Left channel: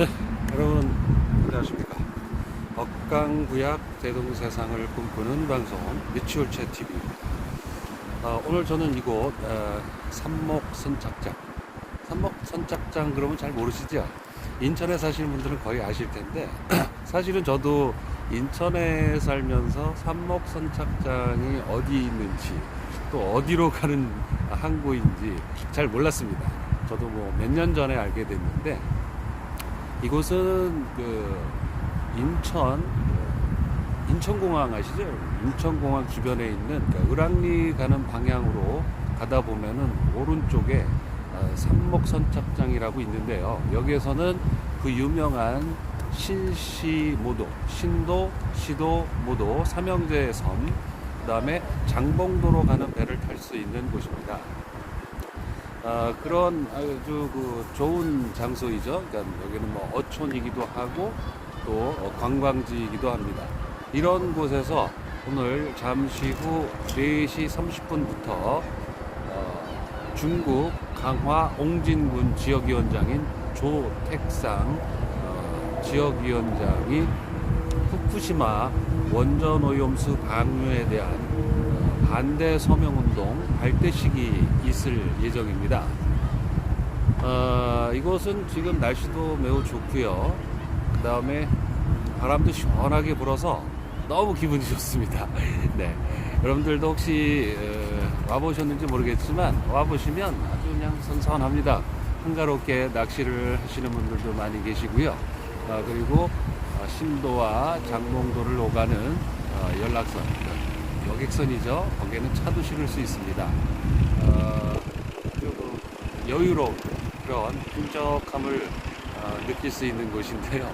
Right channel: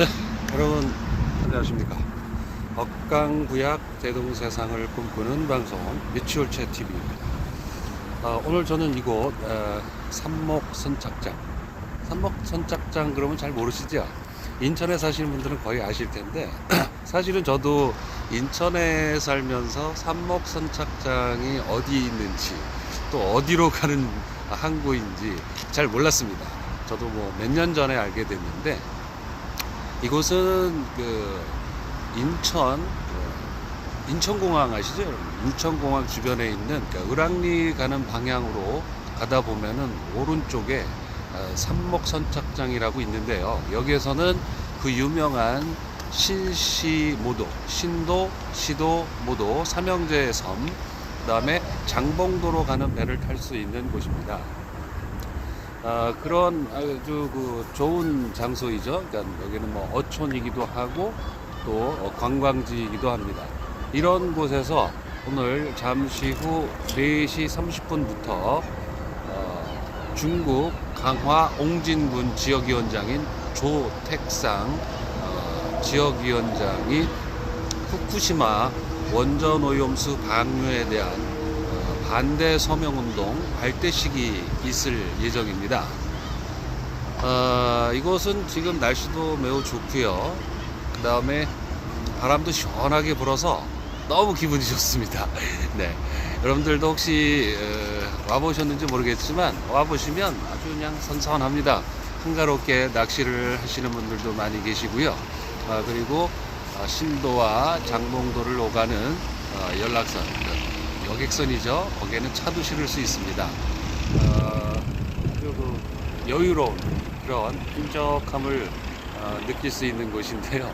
네, 여러분 안녕하십니까. 억강구약 대동세상을 꿈꾸는 방송 미추홀체 TV입니다. 오늘 저는 이곳 삼목선착장. 삼목선착장 그러면 잘 모르시죠? 인천에 사시는 분들은 거의 아실 텐데 사실은 저도 인천에 살면서 삼목선착장이 어디 있는지 또 어디로 가는 항구인지 잘 몰랐습니다. 저도 뭐 몇 년 전에 알게 됐는데 이곳은 인천공항 아시죠, 여러분? 인천공항 주변에 있는 을왕리 가는 방향으로 가다 보면은 오른쪽에 삼목선착장이라고 있는데요. 여기에서는 그 유명한 신시모도, 신도, 시도, 모도, 삼형제 섬, 그 다음에 장봉도로 가는 배를 탈 수 있는 곳입니다. 그런 아주 좋은 장소이죠. 그러니까 여기는 뭐 어촌이기도 하고 또 관광지이기도 합니다. 이런 곳에서 오늘 잠시 후 4시 30분부터 중국 강화 옹진군 지역위원장인 조택상 지역위원장이 후쿠시마 원전오염수 방류에 대한 반대 서명운동 발대식이 있을 예정입니다. 이곳은 지금 날씨도 매우 좋고요. 그 다음에 바람도 시원하게 불어서 너무 기분이 좋습니다. 네, 여러분들도 혹시 와보셨는지 모르겠지만 와보시면 아주 그냥 선선합니다. 한가롭게 낚시를 하시는 분들도 많이 계시고요. 그리고 신도와 장봉도를 오가는 연락선, 여객선이죠. 거기에는 차도 실을 수 있습니다. 아주 여유로운 그런 끈적함을 느낄 수 있는 곳인데요.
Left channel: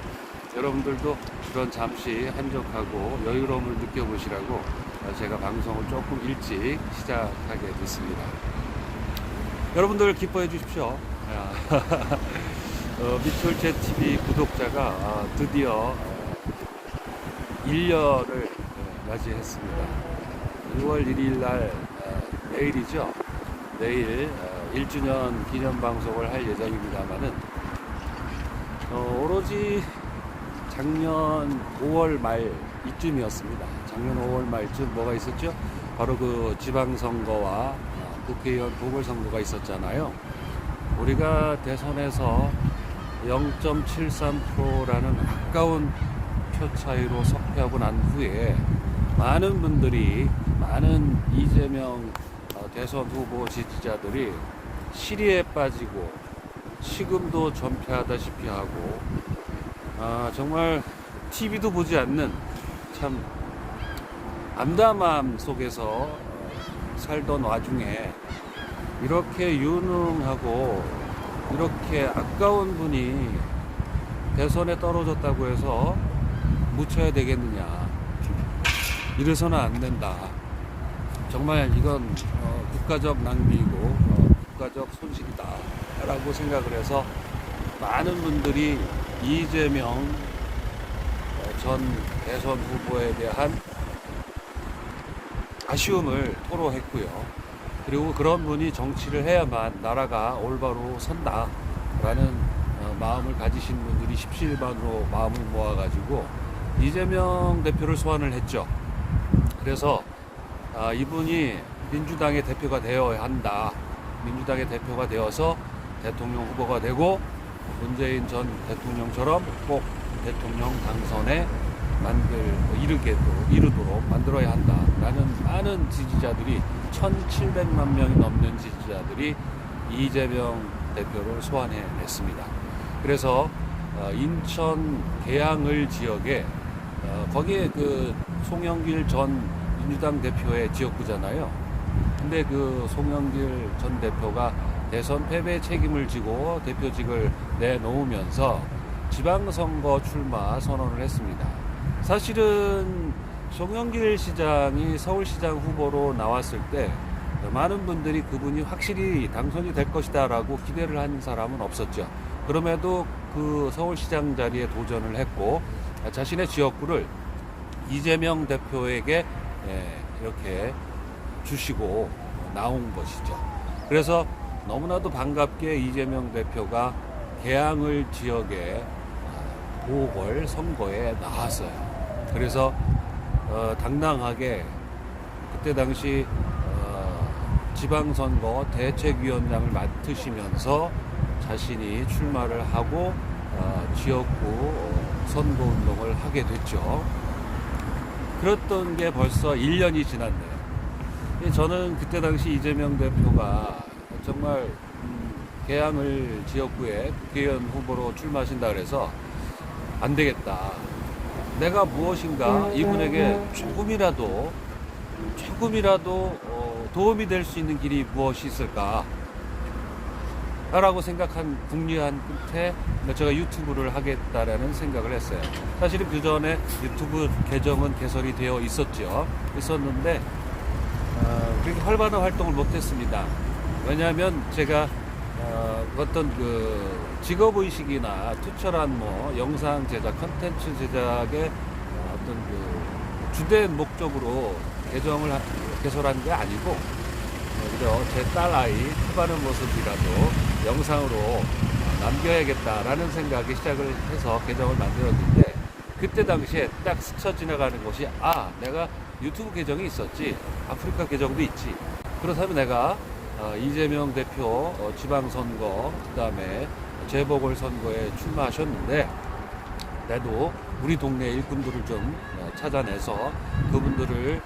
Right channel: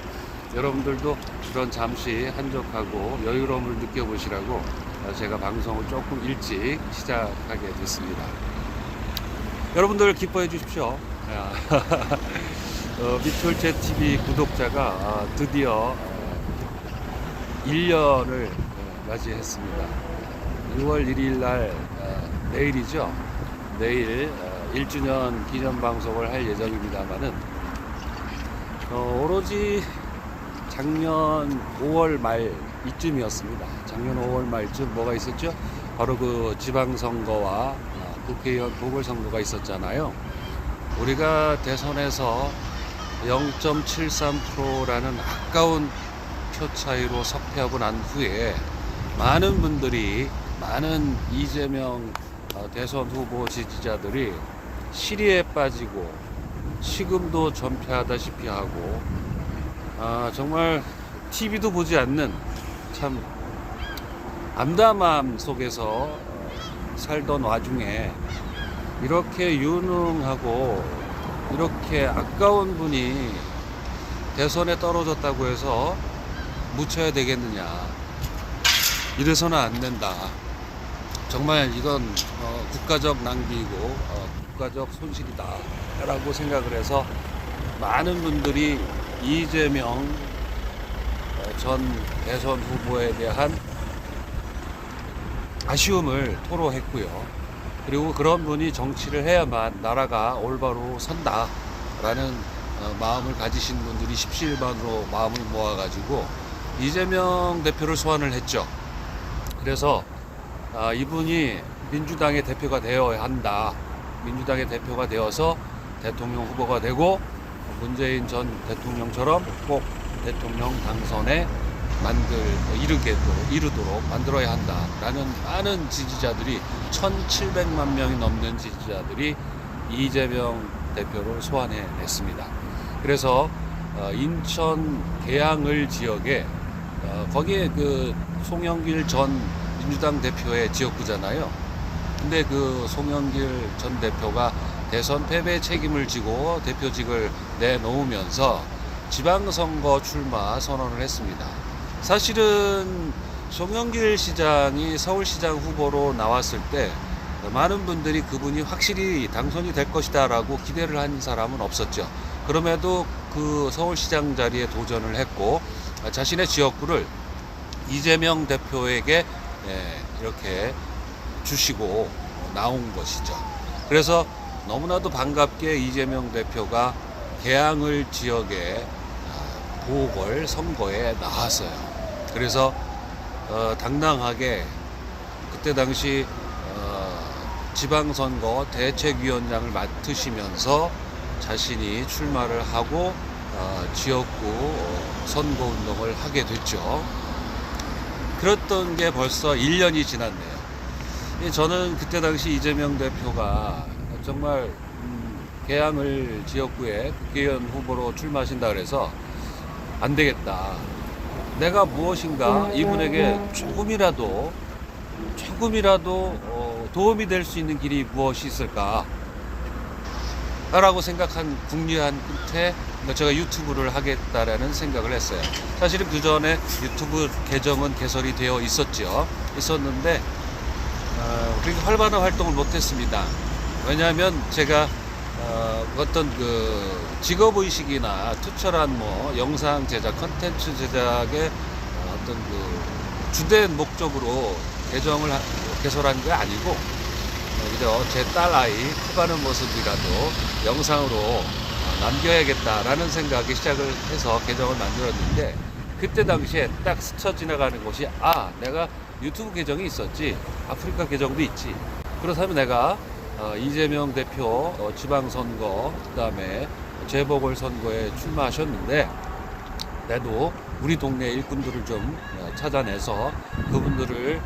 여러분들도 그런 잠시 한적하고 여유로움을 느껴보시라고 제가 방송을 조금 일찍 시작하게 됐습니다. 여러분들 기뻐해 주십시오. 미추홀체 TV 구독자가 드디어 1년을 맞이했습니다. 6월 1일 날 내일이죠. 내일 1주년 기념 방송을 할 예정입니다만은 오로지 작년 5월 말 이쯤이었습니다. 작년 5월 말쯤 뭐가 있었죠? 바로 그 지방선거와 국회의원 보궐선거가 있었잖아요. 우리가 대선에서 0.73%라는 아까운 표 차이로 석패하고 난 후에 많은 분들이, 많은 이재명 대선 후보 지지자들이 시리에 빠지고 식음도 전폐하다시피 하고 정말 TV도 보지 않는 참 암담함 속에서 살던 와중에 이렇게 유능하고 이렇게 아까운 분이 대선에 떨어졌다고 해서 묻혀야 되겠느냐. 이래서는 안 된다. 정말 이건 국가적 낭비이고 국가적 손실이다 라고 생각을 해서 많은 분들이 이재명 전 대선 후보에 대한 아쉬움을 토로했고요. 그리고 그런 분이 정치를 해야만 나라가 올바로 선다 라는 마음을 가지신 분들이 십시일반으로 마음을 모아가지고 이재명 대표를 소환을 했죠. 그래서 이분이 민주당의 대표가 되어야 한다. 민주당의 대표가 되어서 대통령 후보가 되고 문재인 전 대통령처럼 꼭 대통령 당선에 이르도록 만들어야 한다라는 많은 지지자들이 1,700만 명이 넘는 지지자들이 이재명 대표를 소환해냈습니다. 그래서 인천 계양을 지역에 거기에 송영길 전 민주당 대표의 지역구잖아요. 근데 송영길 전 대표가 대선 패배 책임을 지고 대표직을 내놓으면서 지방선거 출마 선언을 했습니다. 사실은 송영길 시장이 서울시장 후보로 나왔을 때 많은 분들이 그분이 확실히 당선이 될 것이다 라고 기대를 한 사람은 없었죠. 그럼에도 서울시장 자리에 도전을 했고 자신의 지역구를 이재명 대표에게 이렇게 주시고 나온 것이죠. 그래서 너무나도 반갑게 이재명 대표가 계양을 지역에 보궐선거에 나왔어요. 그래서 당당하게 그때 당시 지방선거 대책위원장을 맡으시면서 자신이 출마를 하고 지역구 선거운동을 하게 됐죠. 그랬던 게 벌써 1년이 지났네요. 저는 그때 당시 이재명 대표가 정말 계양을 지역구에 국회의원 후보로 출마하신다 그래서 안 되겠다. 내가 무엇인가 이분에게 조금이라도 도움이 될 수 있는 길이 무엇이 있을까? 라고 생각한 궁리한 끝에 제가 유튜브를 하겠다라는 생각을 했어요. 사실은 그 전에 유튜브 계정은 개설이 되어 있었는데 그렇게 활발한 활동을 못했습니다. 왜냐하면 제가 어떤 그 직업의식이나 투철한 영상 제작, 컨텐츠 제작의 어떤 그 주된 목적으로 계정을 개설한 게 아니고 그저 제 딸 아이 커가는 모습이라도 영상으로 남겨야겠다라는 생각에 시작을 해서 계정을 만들었는데, 그때 당시에 딱 스쳐 지나가는 것이 내가 유튜브 계정이 있었지, 아프리카 계정도 있지, 그렇다면 내가 이재명 대표 지방선거 그 다음에 재보궐선거에 출마하셨는데 나도 우리 동네 일꾼들을 좀 찾아내서 그분들을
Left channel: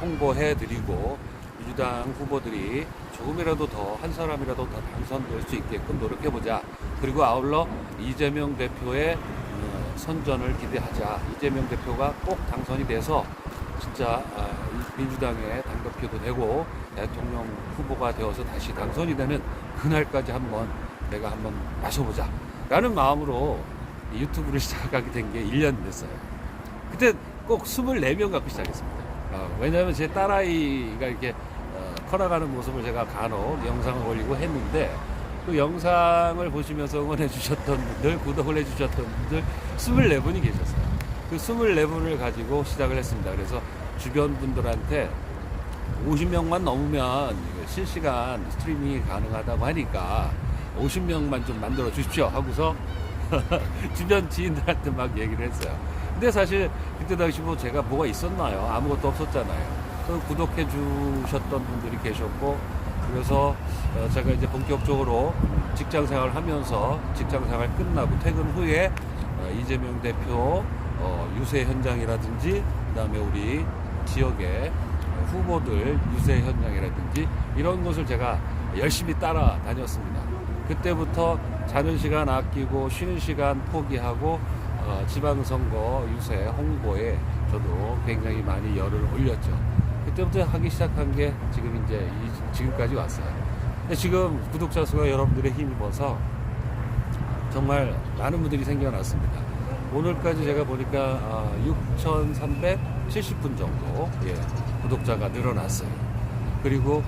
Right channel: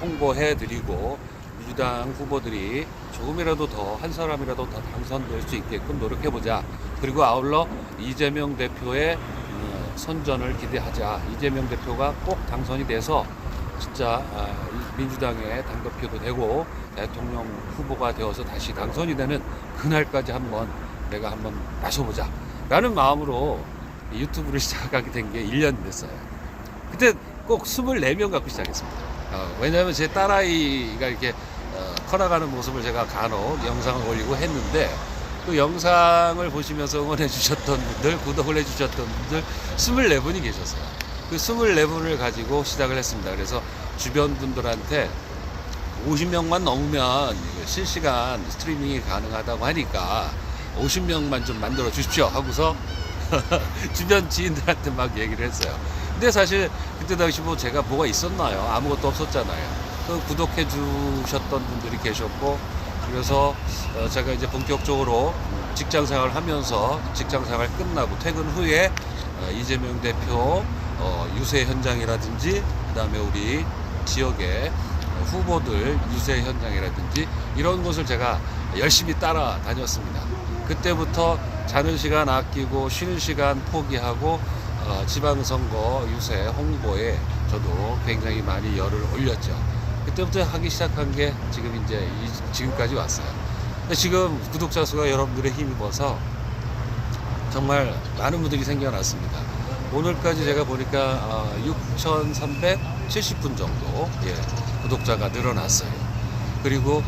홍보해 드리고 민주당 후보들이 조금이라도 더, 한 사람이라도 더 당선될 수 있게끔 노력해보자. 그리고 아울러 이재명 대표의 선전을 기대하자. 이재명 대표가 꼭 당선이 돼서 진짜 민주당의 당대표도 되고 대통령 후보가 되어서 다시 당선이 되는 그날까지 내가 한번 나서보자 라는 마음으로 유튜브를 시작하게 된 게 1년 됐어요. 그때 꼭 24명 갖고 시작했습니다. 왜냐하면 제 딸아이가 이렇게 커나가는 모습을 제가 간혹 영상을 올리고 했는데, 그 영상을 보시면서 응원해 주셨던 분들, 구독을 해 주셨던 분들 24분이 계셨어요. 그 24분을 가지고 시작을 했습니다. 그래서 주변 분들한테 50명만 넘으면 실시간 스트리밍이 가능하다고 하니까 50명만 좀 만들어 주십시오 하고서 주변 지인들한테 막 얘기를 했어요. 근데 사실 그때 당시 제가 뭐가 있었나요? 아무것도 없었잖아요. 그 구독해 주셨던 분들이 계셨고, 그래서 제가 이제 본격적으로 직장 생활을 하면서 직장 생활 끝나고 퇴근 후에 이재명 대표 유세 현장이라든지 그 다음에 우리 지역의 후보들 유세 현장이라든지 이런 것을 제가 열심히 따라다녔습니다. 그때부터 자는 시간 아끼고 쉬는 시간 포기하고 지방선거 유세 홍보에 저도 굉장히 많이 열을 올렸죠. 그때부터 하기 시작한 게 지금까지 왔어요. 근데 지금 구독자 수가 여러분들의 힘입어서 정말 많은 분들이 생겨났습니다. 오늘까지 제가 보니까 6,370분 정도 구독자가 늘어났어요. 그리고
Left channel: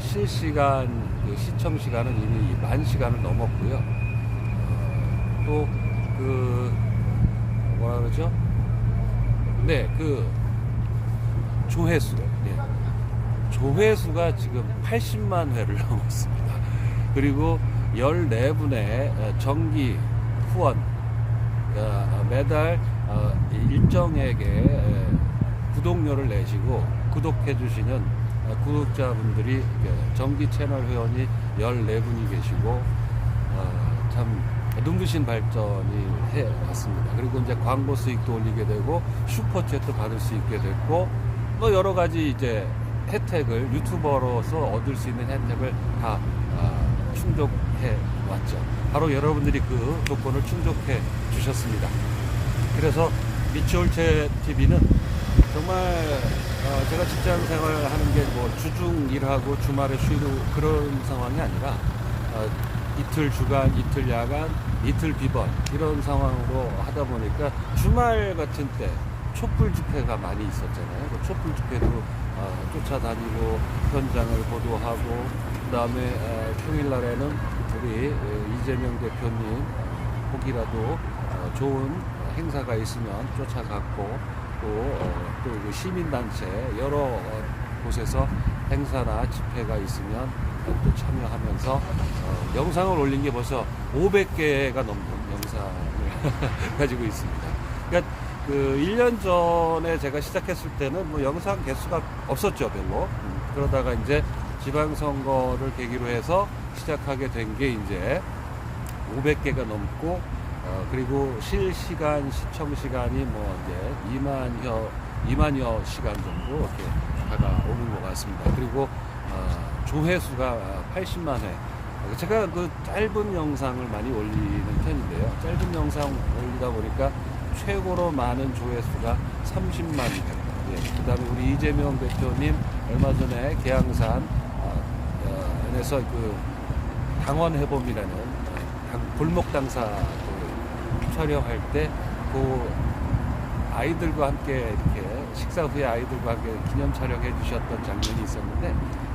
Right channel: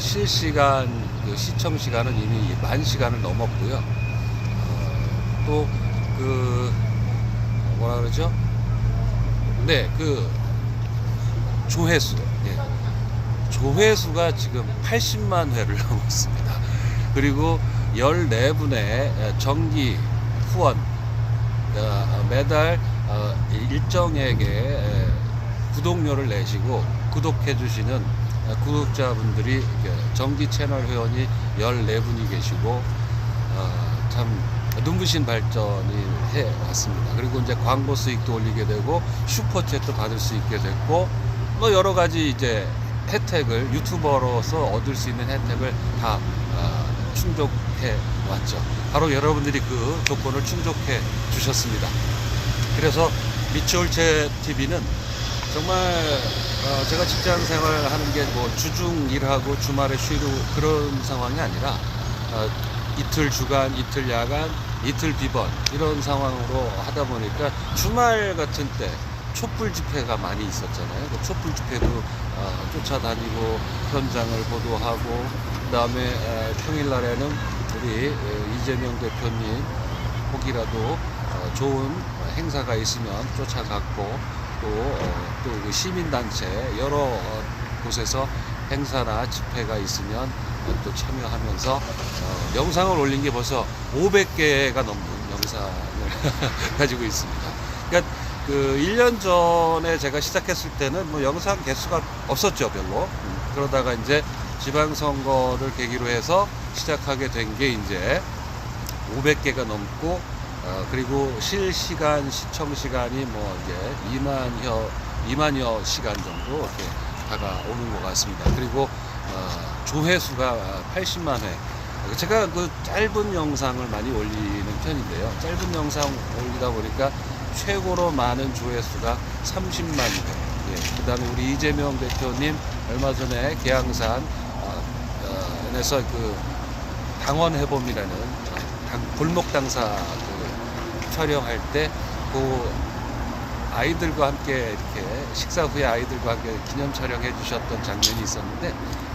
실시간 그 시청 시간은 이미 10,000시간을 넘었고요. 또 뭐라 그러죠? 조회수, 조회수가 지금 80만 회를 넘었습니다. 그리고 14분의 정기 후원, 매달 일정액의 구독료를 내시고 구독해 주시는 구독자분들이 정기 채널 회원이 14분이 계시고 참 눈부신 발전을 해 왔습니다. 그리고 이제 광고 수익도 올리게 되고 슈퍼챗도 받을 수 있게 됐고 여러 가지 혜택을, 유튜버로서 얻을 수 있는 혜택을 다 충족해 왔죠. 바로 여러분들이 그 조건을 충족해 주셨습니다. 그래서 미추홀체 TV는 정말 제가 직장 생활하는 게 주중 일하고 주말에 쉬고 그런 상황이 아니라 이틀 주간, 이틀 야간, 이틀 비번 이런 상황으로 하다 보니까 주말 같은 때 촛불 집회가 많이 있었잖아요. 그 촛불 집회도 쫓아다니고 현장을 보도하고, 그 다음에 평일날에는 우리 이재명 대표님 혹이라도 좋은 행사가 있으면 쫓아갔고, 또 그 시민단체 여러 곳에서 행사나 집회가 있으면 또 참여하면서 영상을 올린 게 벌써 500개가 넘는 영상을 가지고 있습니다. 그러니까 그 1년 전에 제가 시작했을 때는 뭐 영상 개수가 없었죠, 별로. 그러다가 이제 지방선거를 계기로 해서 시작하게 된 게 이제 500개가 넘고, 그리고 실시간 시청 시간이 뭐 이제 2만여 시간 정도 이렇게 다가오는 것 같습니다. 그리고 조회수가 80만 회. 제가 그 짧은 영상을 많이 올리는 편인데요. 짧은 영상 올리다 보니까 최고로 많은 조회수가 30만 회. 예, 그 다음에 우리 이재명 대표님 얼마 전에 계양산 에서 그 당원해봄이라는 골목 당사 그 촬영할 때 그 아이들과 함께 이렇게 식사 후에 아이들과 함께 기념 촬영해 주셨던 장면이 있었는데,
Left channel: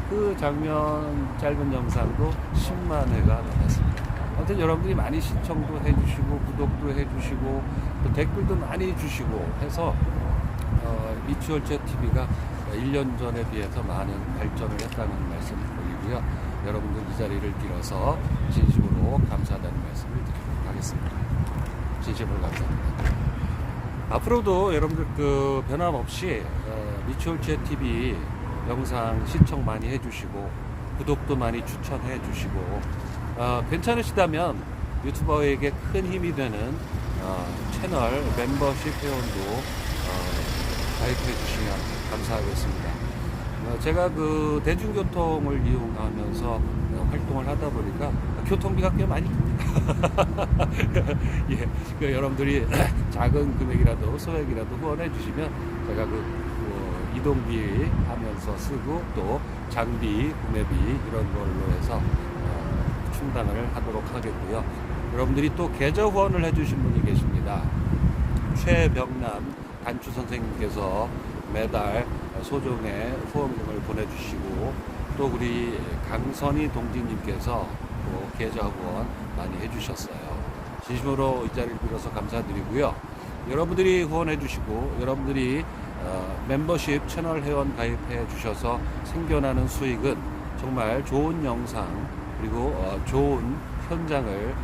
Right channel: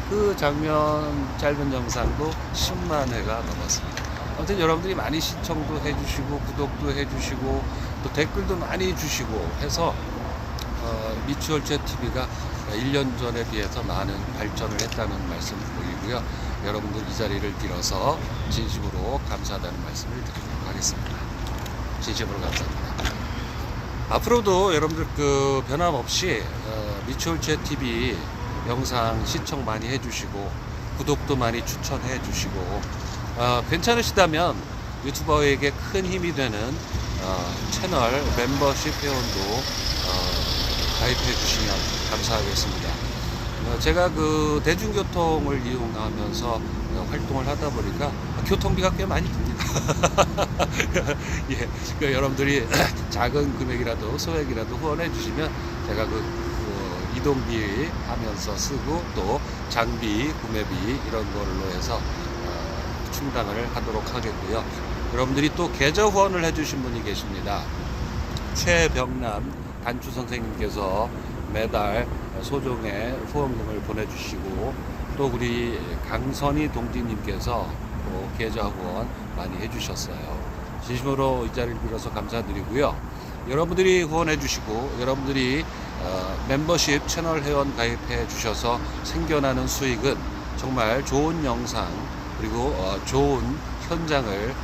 그 장면 짧은 영상도 10만 회가 넘었습니다. 아무튼 여러분들이 많이 시청도 해주시고 구독도 해주시고 또 댓글도 많이 주시고 해서 미추홀제 TV가 1년 전에 비해서 많은 발전을 했다는 말씀 올리고요. 여러분들 이 자리를 빌어서 진심으로 감사하다는 말씀을 드리도록 하겠습니다. 진심으로 감사합니다. 앞으로도 여러분들 그 변함없이 미추홀제 TV 영상 시청 많이 해주시고 구독도 많이 추천해 주시고, 괜찮으시다면 유튜버에게 큰 힘이 되는 채널 멤버십 회원도 가입해 주시면 감사하겠습니다. 제가 그 대중교통을 이용하면서 활동을 하다 보니까 교통비가 꽤 많이 듭니다. 예, 그 여러분들이 작은 금액이라도 소액이라도 후원해 주시면 제가 그 이동비 하면서 쓰고 또 장비, 구매비 이런 걸로 해서 충당을 하도록 하겠고요. 여러분들이 또 계좌 후원을 해주신 분이 계십니다. 최병남 단추 선생님께서 매달 소정의 후원금을 보내주시고, 또 우리 강선희 동지님께서 또 계좌 후원 많이 해주셨어요. 진심으로 이 자리를 빌어서 감사드리고요. 여러분들이 후원해 주시고 여러분들이 멤버십 채널 회원 가입해 주셔서 생겨나는 수익은 정말 좋은 영상 그리고 좋은 현장을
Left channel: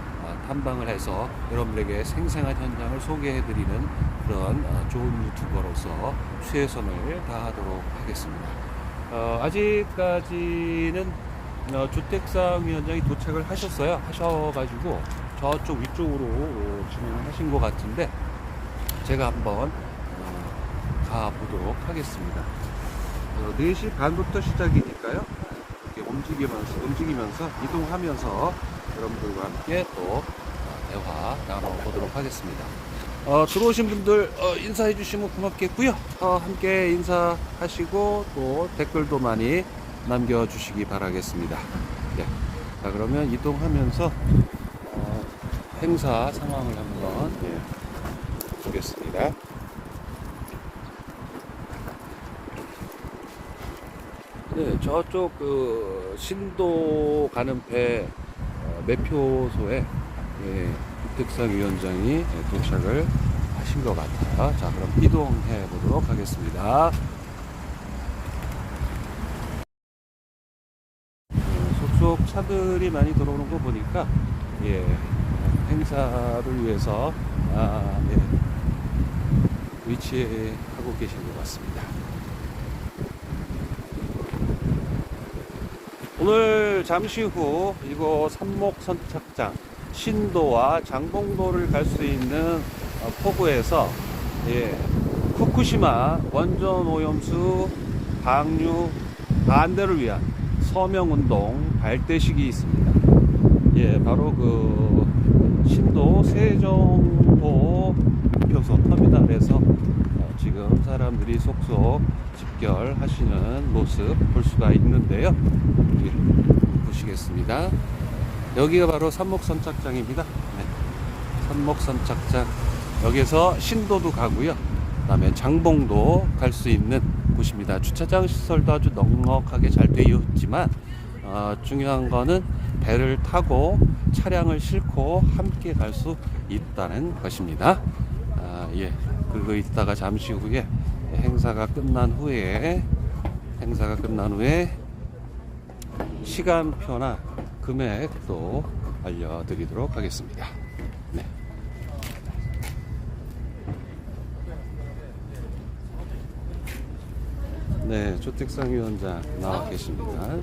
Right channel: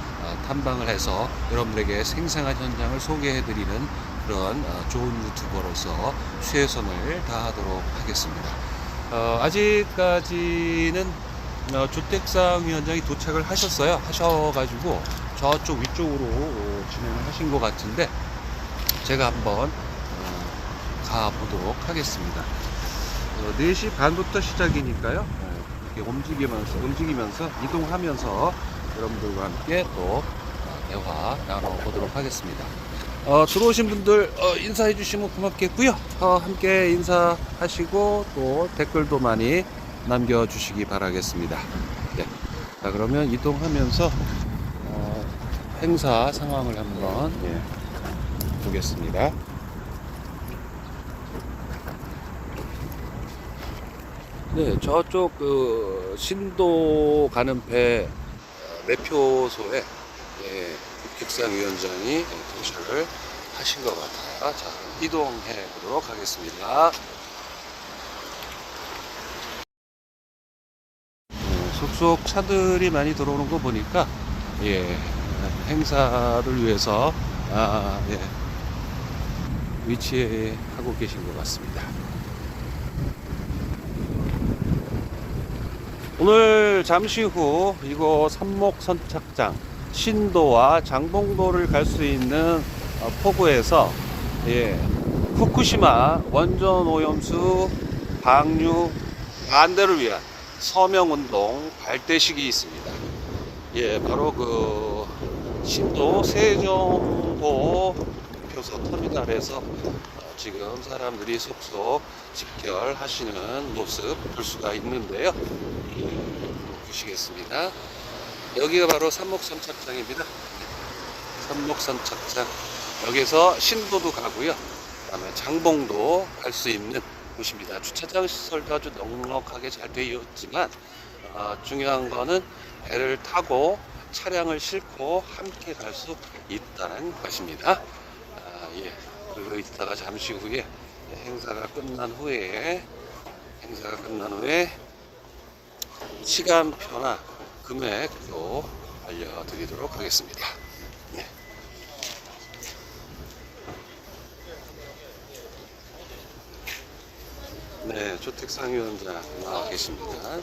탐방을 해서 여러분들에게 생생한 현장을 소개해 드리는 그런 좋은 유튜버로서 최선을 다하도록 하겠습니다. 아직까지는 주택상 위원장이 도착을 하셔가지고 저쪽 위쪽으로 진행을 하신 것 같은데, 제가 한번 가보도록 하겠습니다. 4시 반부터 시작이니까요. 이렇게 움직이면서 이동하면서 여러분들과 함께 또 대화 나눠보도록 하겠습니다. 들어오신 분들 인사해 주시면 고맙겠고요. 함께 인사하시고 또 댓글도 많이 남겨주시기 바라겠습니다. 네. 자, 그러면 이동하면서 행사 상황을 한번 보겠습니다. 네, 저쪽 그 신도 가는 배 매표소에 국택상 위원장이 도착을 하신 것 같아요. 자, 그럼 이동해 보도록 하겠습니다. 속속 차들이 많이 들어오는 거 보니까 행사를 위해서 위치하고 계신 것 같습니다. 오늘 잠시 후 이곳 삼목선착장 신도와 장봉도를 갈 수 있는 포구에서 후쿠시마 원전 오염수 방류 반대를 위한 서명운동 발대식이 있습니다. 바로 그 신도 세종호 교소 터미널에서 지금 사람들이 속속 집결하시는 모습 볼 수가 있는데요. 보시겠습니다. 여기가 바로 삼목선착장입니다. 삼목선착장, 여기서 신도도 가고요. 그 다음에 장봉도 갈 수 있는 곳입니다. 주차장 시설도 아주 넉넉하게 잘 되어 있지만 중요한 거는 배를 타고 차량을 싣고 함께 갈 수 있다는 것입니다. 그거 있다가 잠시 후에 행사가 끝난 후에 시간표나 금액도 알려드리도록 하겠습니다. 네, 조택상 위원장 나와 계십니다.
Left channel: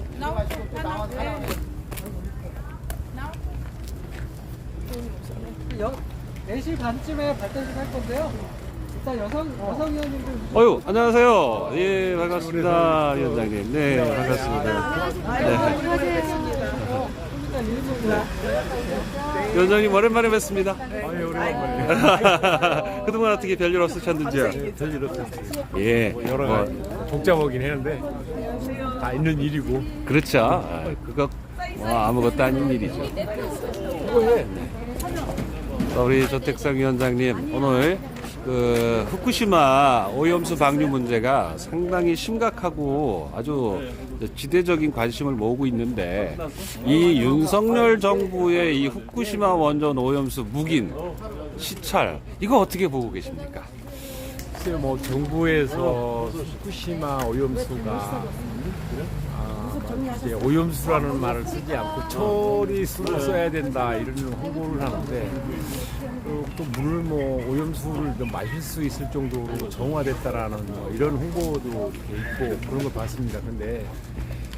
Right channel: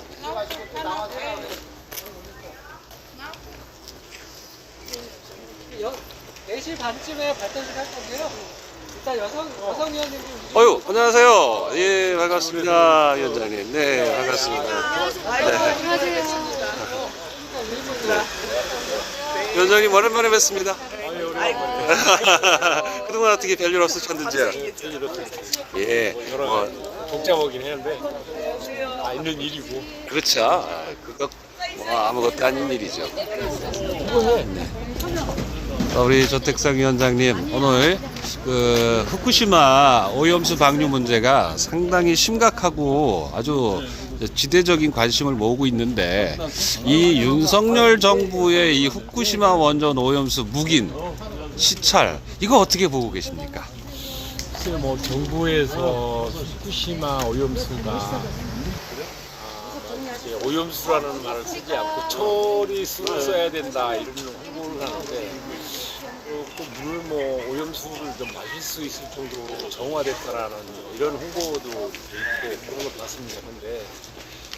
여 4시 반쯤에 발대식 할 건데요. 일단 여성 위원님들 어유, 안녕하세요. 예, 반갑습니다, 위원장님. 네, 반갑습니다. 네. 위원장님 오랜만에 뵙습니다. 아니 오랜만에. 그동안 어떻게 별일 없으셨는지요? 별일 없었어요. 예, 여러 가지 복잡하긴 했는데 다 있는 일이고. 그렇죠. 그거 뭐 아무것도 아닌 일이죠. 수고해. 우리 조택상 위원장님, 오늘 그 후쿠시마 오염수 방류 문제가 상당히 심각하고 아주 지대적인 관심을 모으고 있는데, 이 윤석열 정부의 이 후쿠시마 원전 오염수 묵인 시찰, 이거 어떻게 보고 계십니까? 글쎄 뭐 정부에서 후쿠시마 오염수가 이제 오염수라는 말을 쓰지 않고 처리수를 써야 된다 이런 홍보를 하는데, 또 물을 뭐 오염수를 좀 마실 수 있을 정도로 정화됐다라는 뭐 이런 홍보도 돼 있고 그런 걸 봤습니다. 근데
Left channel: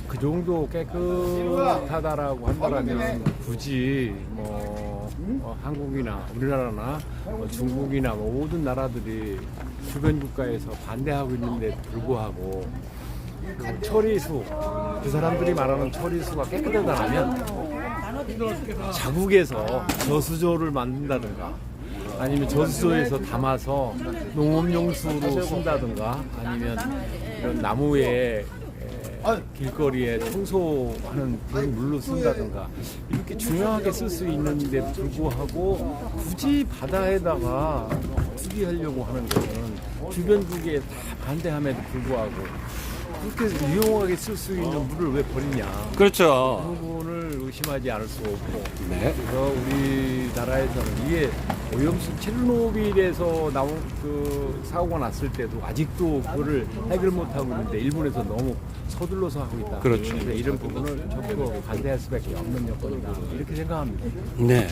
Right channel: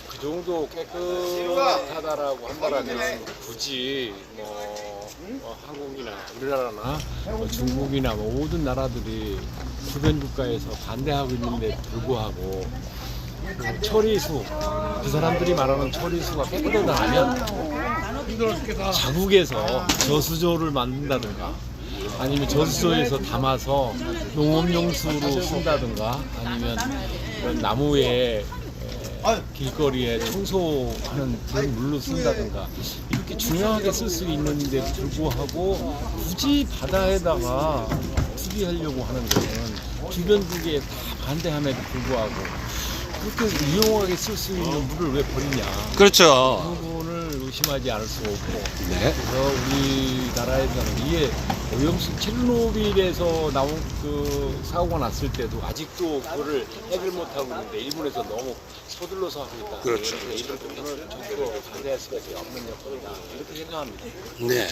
그 정도 깨끗하다라고 한다라면 굳이 뭐 한국이나 우리나라나 뭐 중국이나 뭐 모든 나라들이 주변 국가에서 반대하고 있는데 불구하고 그 처리수, 그 사람들이 말하는 처리수가 깨끗하다면 자국에서 저수조를 만든다든가 아니면 저수조에서 담아서 농업용수로 쓴다든가 아니면 이런 나무에 길거리에 청소하는 그런 물로 쓴다든가 이렇게 중요하게 쓸 수 있는데 불구하고 굳이 바다에다가 투기하려고 하는 것은 주변국에 다 반대함에도 불구하고 그렇게 유용하게 쓸 수 있는 물을 왜 버리냐. 그렇죠. 그 부분을 의심하지 않을 수 없고. 네. 그래서 우리나라에서는 이게 오염수 체르노빌에서 나온 그 사고가 났을 때도 아직도 그거를 해결 못하고 있는데 일본에서 너무 서둘러서 하고 있다. 그렇죠. 그래서 이런 부분을 적극 반대할 수밖에 없는 여건이다. 이렇게 생각합니다. 네.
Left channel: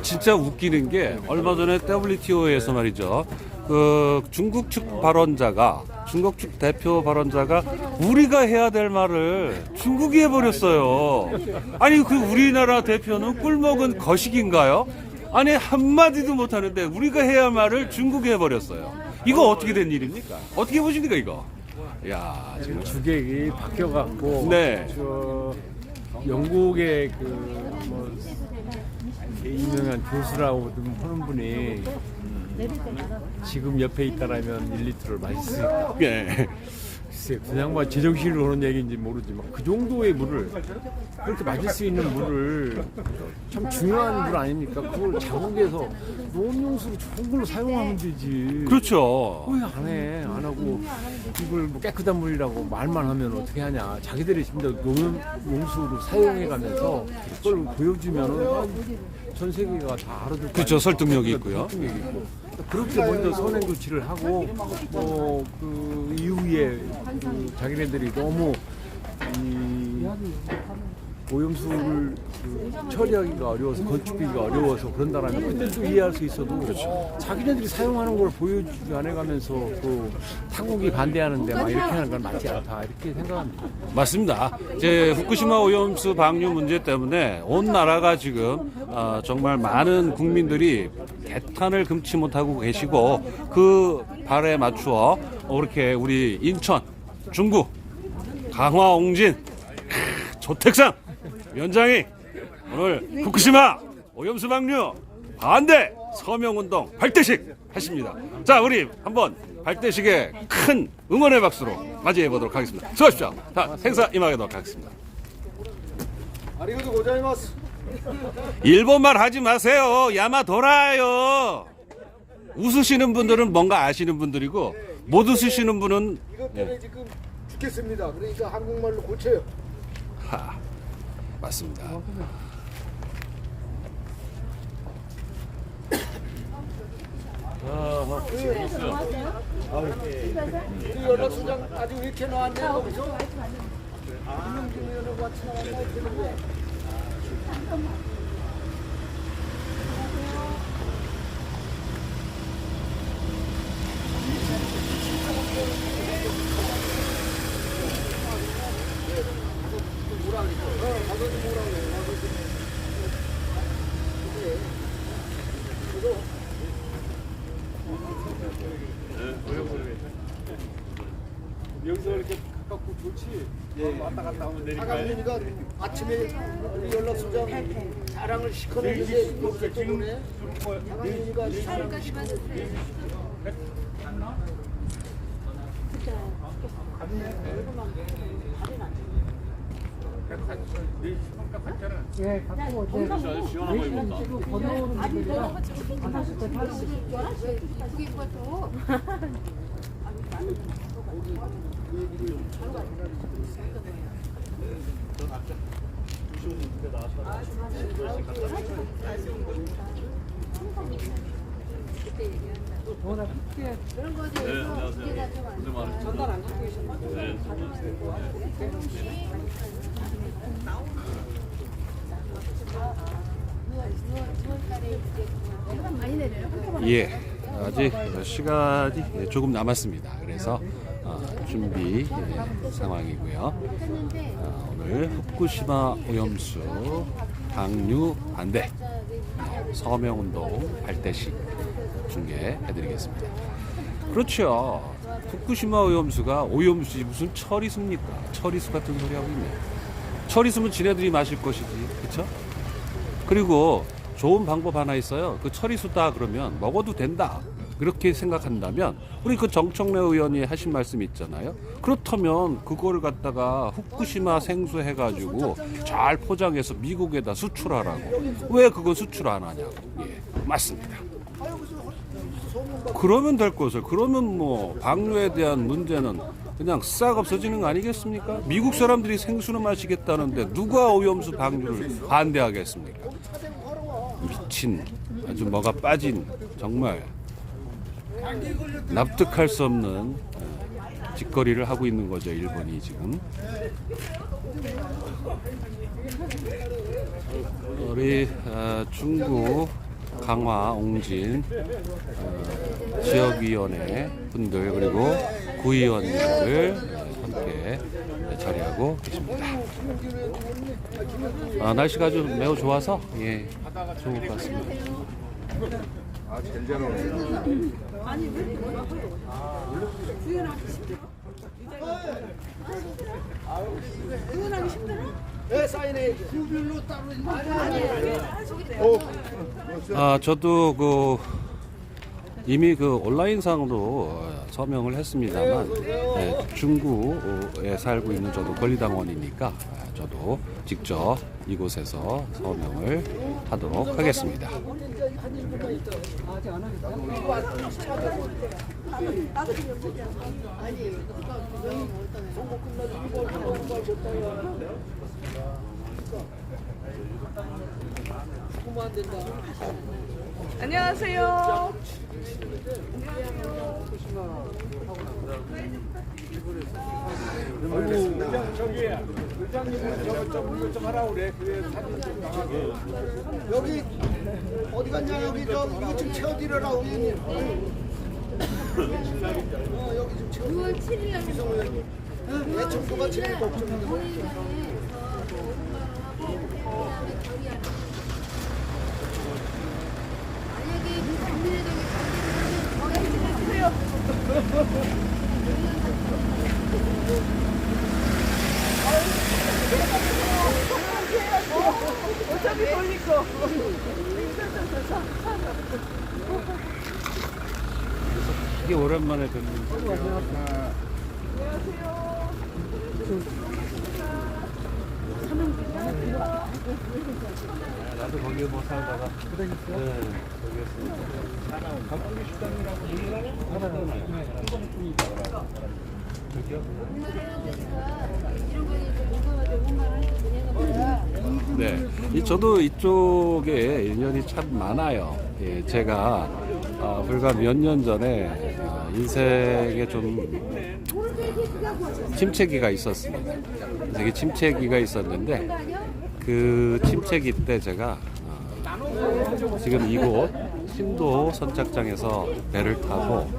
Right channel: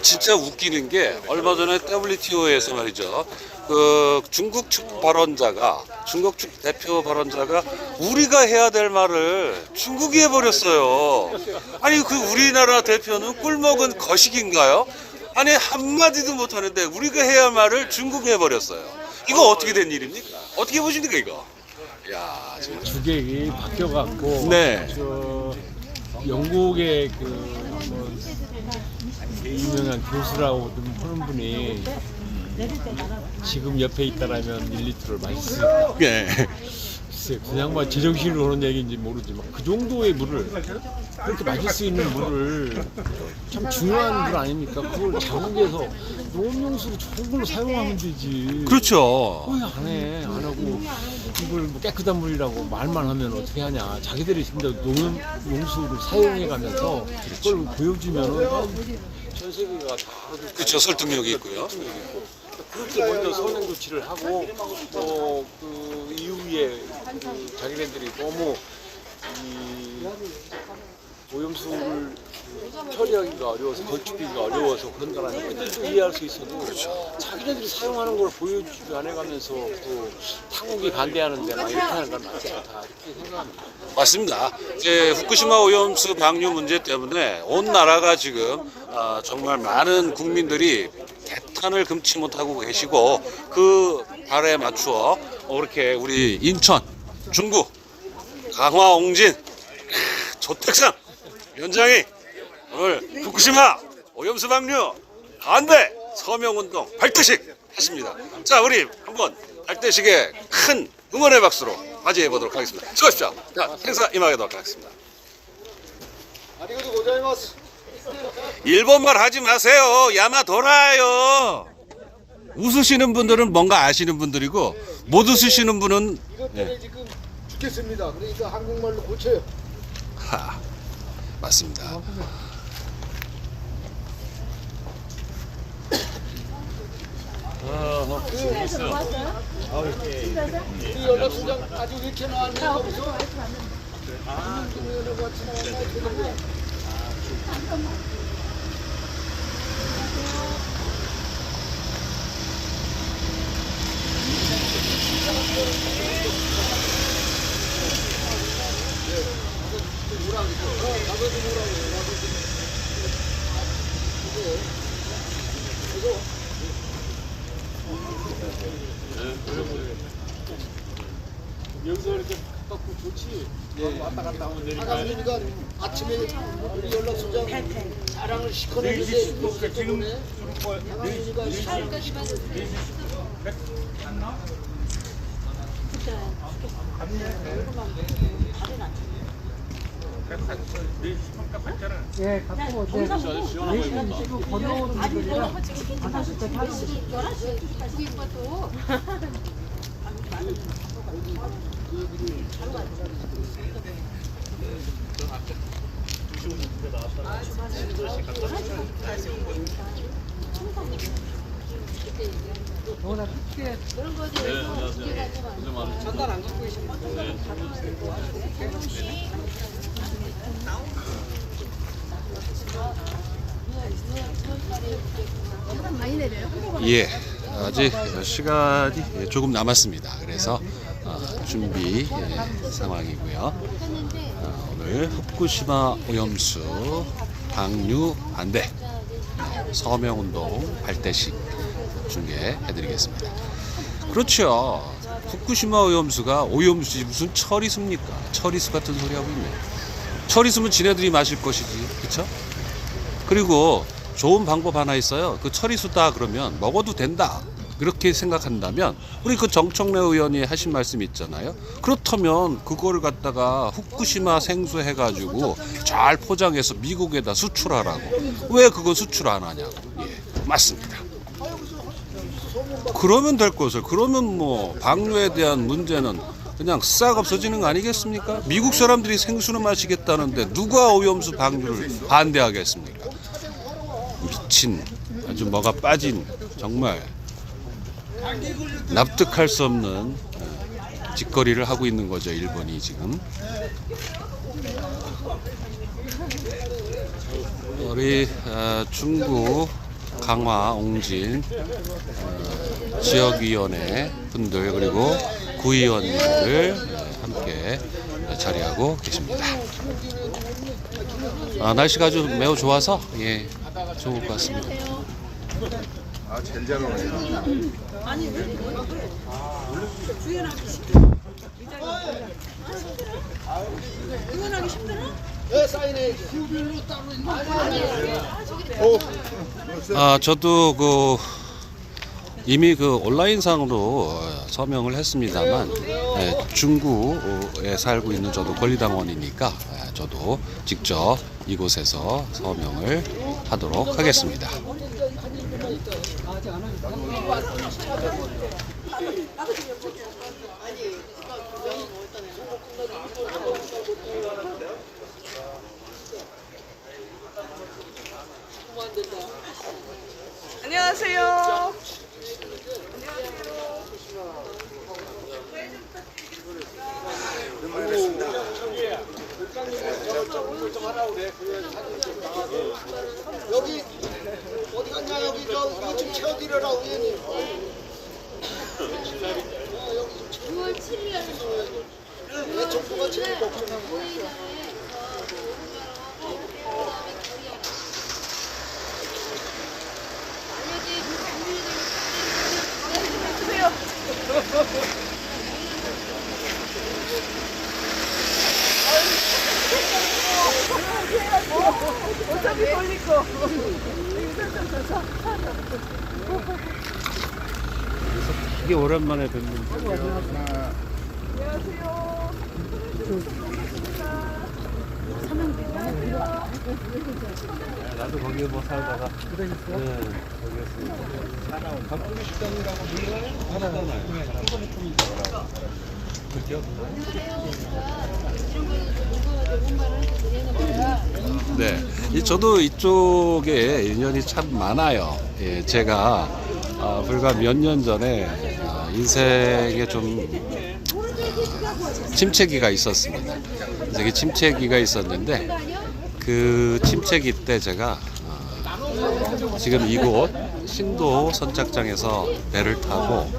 진짜 웃기는 게 얼마 전에 WTO에서 말이죠. 그 중국 측 발언자가, 중국 측 대표 발언자가 우리가 해야 될 말을 중국이 해버렸어요. 아니, 그 우리나라 대표는 꿀먹은 거식인가요? 아니, 한마디도 못하는데 우리가 해야 할 말을 중국이 해버렸어요. 이거 어떻게 된 일입니까? 어떻게 보십니까, 이거? 야, 지금. 주객이 바뀌어갖고 네. 저 영국의 그 뭐 유명한 교수라고 하는 분이 지금 옆에 있다라면 1리터를 마실 수 있다. 예. 글쎄, 그 양반 제정신으로 그런 얘기인지 모르지만 그 정도의 물을, 그렇게 마실 수 있는 물을, 참 중요한 물 아닙니까? 그걸 자국에서 농업용수로 좋은 걸로 사용하면 되지. 그렇죠. 왜 안 해? 안 하고 이걸 뭐 깨끗한 물이라고 말만 하면 어떻게 하냐. 자기들이 진짜 농업용수로 사용해가면서 그걸 보여주면은 전 세계가 다 알아듣고. 그렇죠. 설득력이 있고요. 설득력이 있고. 그렇게 먼저 선행 조치를 하고 그 이후에 그 자기네들이 너무 이 오염수를 처리하기가 어려워서 건축하기가 어려워서 그런다라면 그때 또 이해할 수 있어도 그렇죠. 자기네들이 사용하는 걸 보여주지 않아가면서 또 타국이 반대하는데 막 이렇게 하는 건 맞지 않다 이렇게 생각합니다. 맞습니다. 이제 후쿠시마 오염수 방류 문제 때문에 온 나라가 지금 정말 많은 국민들이 개탄을 금치 못하고 계시고, 그 발에 맞추어 이렇게 우리 인천, 중구, 강화, 옹진, 조택상 위원장이 오늘 후쿠시마 오염수 방류 반대 서명운동 발대식 했습니다. 자, 우리 한번 발대식에 큰 응원의 박수로 맞이해 보도록 하겠습니다. 수고하십시오. 자, 행사 임하도록 하겠습니다. 아리가또 고자이마스. 일본말 하지 마세요. 야마도라요. 웃으시는 분들은 뭔가 아시는 분들이고, 못 웃으시는 분은 이것 때문에 지금 죽겠습니다. 그러니까 한국말로 고쳐요. 맞습니다. 우리 연합수장 아직 왜 이렇게 나왔네 거기서? 김영진 의원하고 같이 나왔나 어떻게 된 거야? 하강민이가 아침에 우리 연락소장 자랑을 시커냈는데 여기서 또 보네. 하강민이가 자랑. 예, 갖고 오세요. 내시간 찍고 건너오는 분들이라 이쁘게 입어도 더구나 크게 그런 거에 대해서 두께가 좀 안 좋아. 전달 안 갖고 계시나? 많이 내려요. 예, 아직 시간이 조금 남았습니다. 그래서 준비 상황이고요. 했는데 오늘 후쿠시마 오염수 방류 반대 서명운동 발대식 중계해드리겠습니다. 그렇죠. 후쿠시마 오염수가 오염수지 무슨 처리수입니까? 처리수 같은 소리 하고 있네. 처리수면 지네들이 마실 것이지, 그렇죠? 그리고 좋은 방법 하나 있어요. 그 처리수다 그러면 먹어도 된다. 그렇게 생각한다면 우리 그 정청래 의원이 하신 말씀 있잖아요. 그렇다면 그거를 갖다가 후쿠시마 생수 해가지고 잘 포장해서 미국에다 수출하라고. 왜 그거 수출 안 하냐고. 예, 맞습니다. 그러면 될 것을. 그러면 뭐 방류에 대한 문제는 그냥 싹 없어지는 거 아니겠습니까? 미국 사람들이 생수는 마시겠다는데 누가 오염수 방류를 반대하겠습니까? 미친, 아주 뭐가 빠진, 정말 납득할 수 없는 짓거리를 하고 있는 거죠, 일본이 지금. 우리 중구 강화 옹진 지역위원회 분들 그리고 구의원님들 함께 자리하고 계십니다. 날씨가 아주 매우 좋아서 예, 좋을 것 같습니다. 왜 사인해야지? 구별로 따로 있는 저도 그 이미 그 온라인상으로 서명을 했습니다만 중구에 살고 있는 저도 권리당원이니까 저도 직접 이곳에서 서명을 하도록 하겠습니다. 한 일분만 있다. 아직 안 하니까. 선거 끝나도 이거 죽으면 안 된다. 안녕하세요. 여기 어디 갔냐? 여기 저 이거 좀 채워드려라 의원님. 6월 7일 날 왜 정부가 제일 걱정해? 본회의장에서 오분마로 하고 그다음에 결의하라. 만약에 국민의당이 반대를 하면 이게 오랜만에 듣는 나도 거기에 뭐 살다가 네, 저도 이쪽에 인연이 참 많아요. 예, 제가 불과 몇 년 전에 인생에 좀 침체기가 있었습니다. 인생에 침체기가 있었는데 그 침체기 때 제가 지금 이곳 신도 선착장에서 배를 타고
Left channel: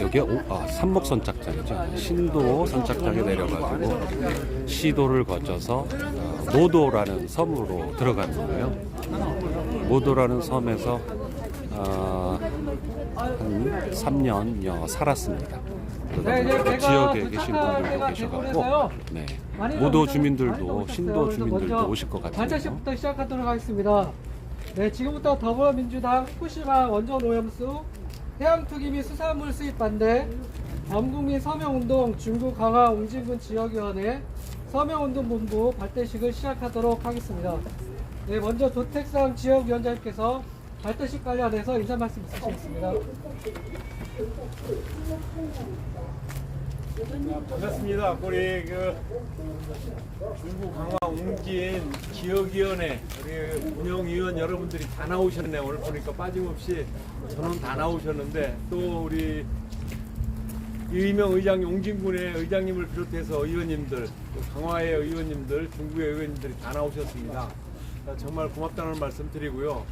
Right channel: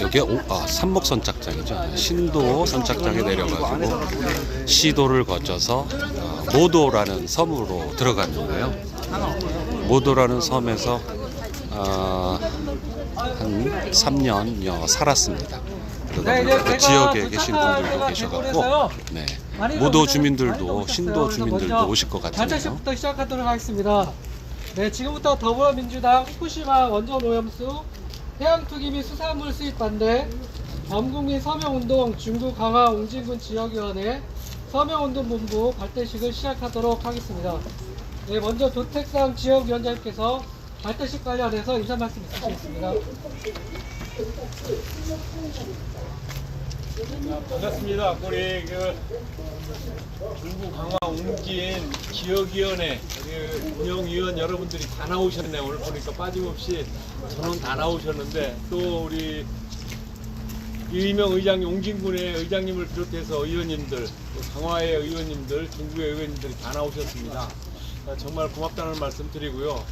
여기 삼목 선착장이죠. 신도 선착장에 내려가지고 시도를 거쳐서 모도라는 섬으로 들어갔는데요. 모도라는 섬에서 한 3년여 살았습니다. 그다음에 그 지역에 계신 분들도 계셔갖고 네. 모도 주민들도 신도 주민들도 오실 것 같네요. 발대식부터 시작하도록 하겠습니다. 네, 지금부터 더불어민주당 후쿠시마 원전 오염수 해양투기 및 수산물 수입 반대 범국민 서명운동 중구 강화 옹진군 지역위원회 서명운동본부 발대식을 시작하도록 하겠습니다. 네, 먼저 조택상 지역위원장님께서 발대식 관련해서 인사 말씀 있으시겠습니다. 반갑습니다. 우리 그 중구 강화 옹진 지역위원회 우리 운영위원 여러분들이 다 나오셨네. 오늘 보니까 빠짐없이 전원 다 나오셨는데 또 우리 이의명 의장 옹진군의 의장님을 비롯해서 의원님들, 또 강화의 의원님들, 중구의 의원님들이 다 나오셨습니다. 정말 고맙다는 말씀 드리고요.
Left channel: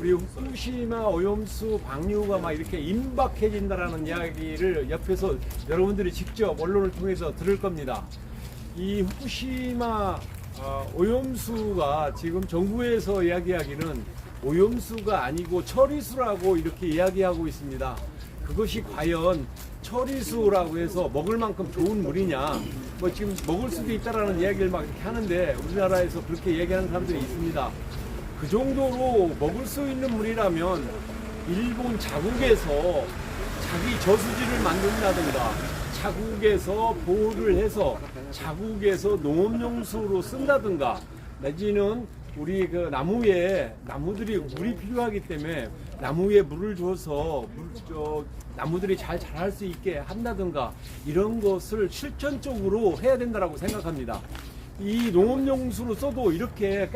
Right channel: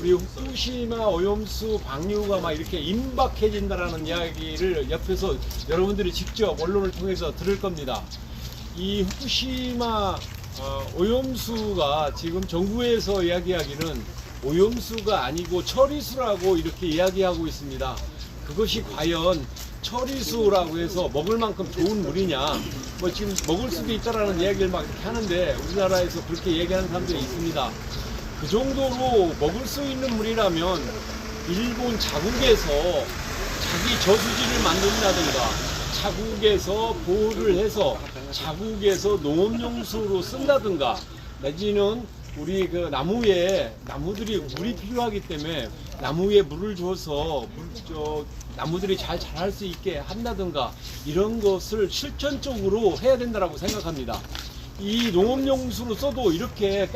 우리 후쿠시마 오염수 방류가 막 이렇게 임박해진다라는 이야기를 옆에서 여러분들이 직접 언론을 통해서 들을 겁니다. 이 후쿠시마 오염수가 지금 정부에서 이야기하기는 오염수가 아니고 처리수라고 이렇게 이야기하고 있습니다. 그것이 과연 처리수라고 해서 먹을 만큼 좋은 물이냐, 뭐 지금 먹을 수도 있다라는 이야기를 막 이렇게 하는데 우리나라에서 그렇게 얘기하는 사람들이 있습니다. 그 정도로 먹을 수 있는 물이라면 일본 자국에서 자기 저수지를 만든다든가 자국에서 보호를 해서 자국에서 농업용수로 쓴다든가 내지는 우리 그 나무들이 물이 필요하기 때문에 나무에 물을 줘서 나무들이 잘 자랄 수 있게 한다든가 이런 것을 실천적으로 해야 된다고 생각합니다. 이 농업용수로 써도 이렇게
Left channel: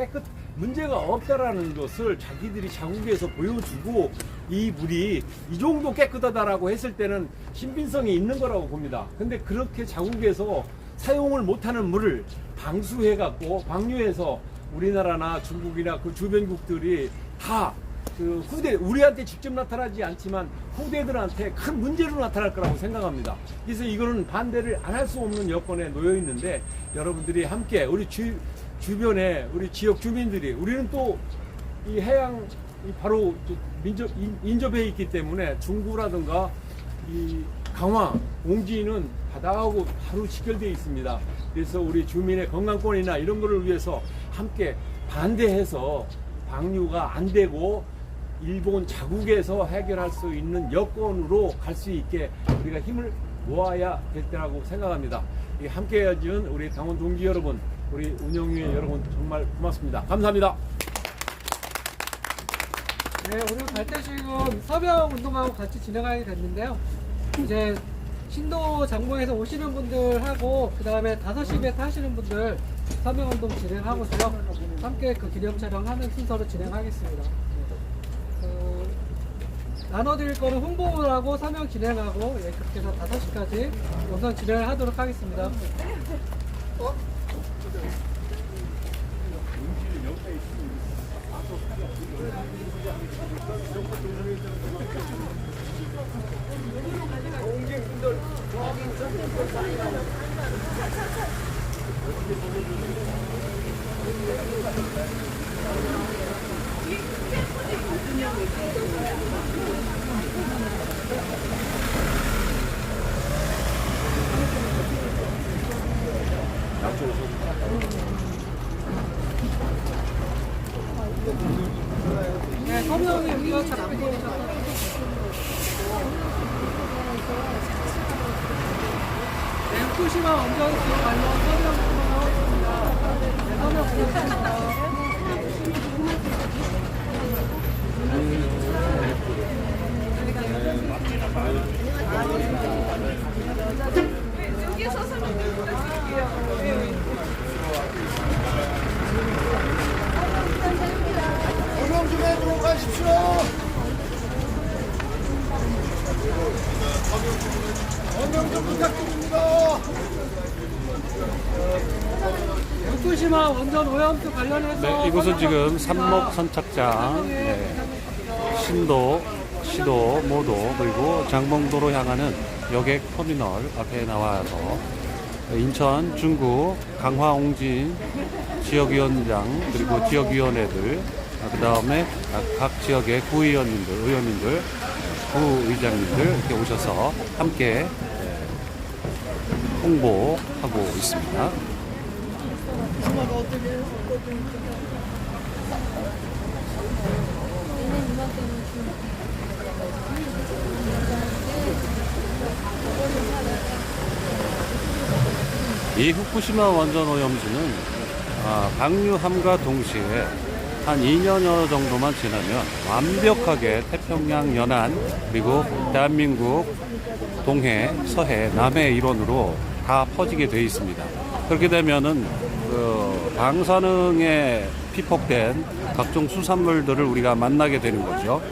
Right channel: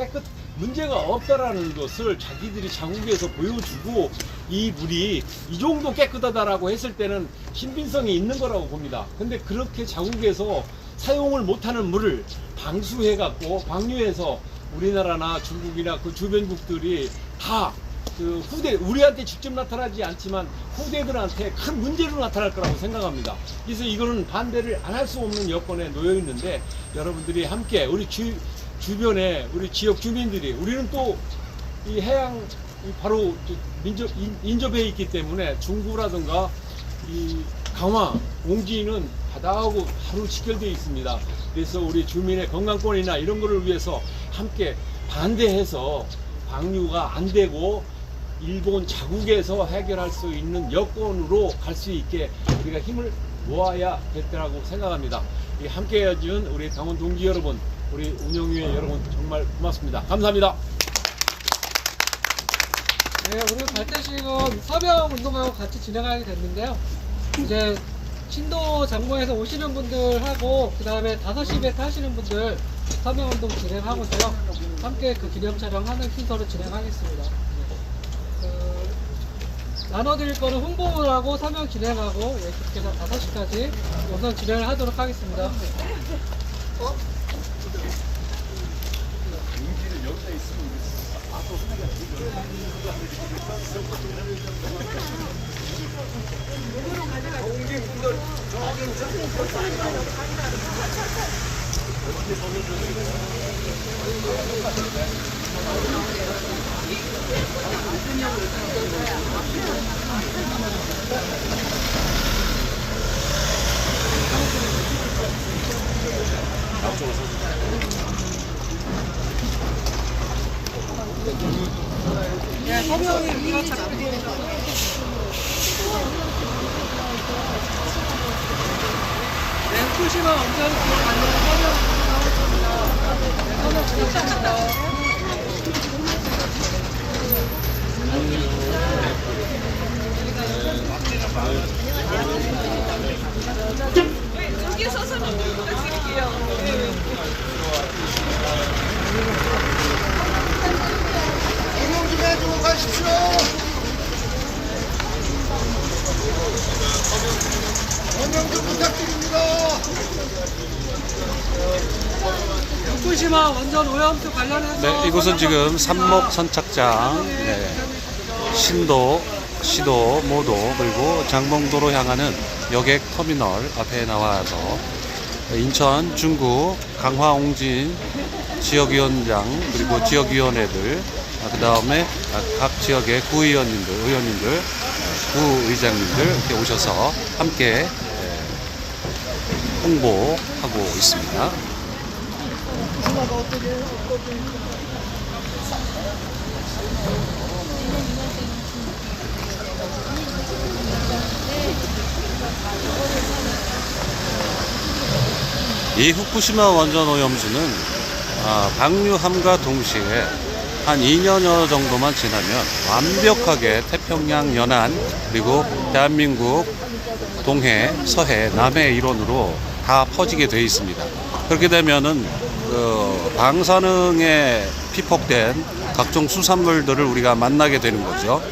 문제가 없다라는 것을 자기들이 자국에서 보여주고 이 물이 이 정도 깨끗하다라고 했을 때는 신빙성이 있는 거라고 봅니다. 근데 그렇게 자국에서 사용을 못하는 물을 방류해서 우리나라나 중국이나 그 주변국들이 다 그 우리한테 직접 나타나지 않지만 후대들한테 큰 문제로 나타날 거라고 생각합니다. 그래서 이거는 반대를 안 할 수 없는 여건에 놓여 있는데 여러분들이 함께 우리 주변에 우리 지역 주민들이 우리는 또 이 해양 바로 인접해 있기 때문에 중구라든가 이 강화, 옹진은 바다하고 바로 직결되어 있습니다. 그래서 우리 주민의 건강권이나 이런 거를 위해서 함께 반대해서 방류가 안 되고 일본 자국에서 해결할 수 있는 여건으로 갈 수 있게 우리가 힘을 모아야 될 때라고 생각합니다. 함께 해준 우리 당원 동지 여러분, 우리 운영위원 여러분 정말 고맙습니다. 감사합니다. 네, 오늘 발대식은 서명운동하고 같이 진행하게 됐는데요. 이제 신도 장모에서 오시는 분들하고 그 다음에 5시 배 타시는 분들 서명운동 진행하고서요. 함께 그 기념 촬영하는 순서로 진행하겠습니다. 나눠드릴 거는 홍보를 하고 서명 진행하고 그렇게 해서 5시까지 우선 진행을 하도록 하겠습니다. 네, 서명이 이거 네, 후쿠시마 원전 관련 서명 진행하겠습니다. 서명 좀 해주고 가십시오. 서명 좀 부탁드립니다. 후쿠시마 원전 오염수 관련해서 네, 이곳은 지금 삼목 선착장, 네, 신도, 시도, 모도 그리고 장봉도로 향하는 여객 터미널 앞에 나와서 인천, 중구, 강화, 옹진 지역위원장 그리고 지역위원회들 그 다음에 각 지역의 구의원님들, 의원님들, 구의장님들 이렇게 오셔서 함께 홍보하고 있습니다. 이 후쿠시마 원전 오염수는 방류함과 동시에 한 2년여 정도만 지나면 완벽하게 태평양 연안 그리고 대한민국 동해, 서해, 남해 일원으로 다 퍼지게 되어 있습니다. 그렇게 되면은 그 방사능에 피폭된 각종 수산물들을 우리가 만나게 되는 거죠.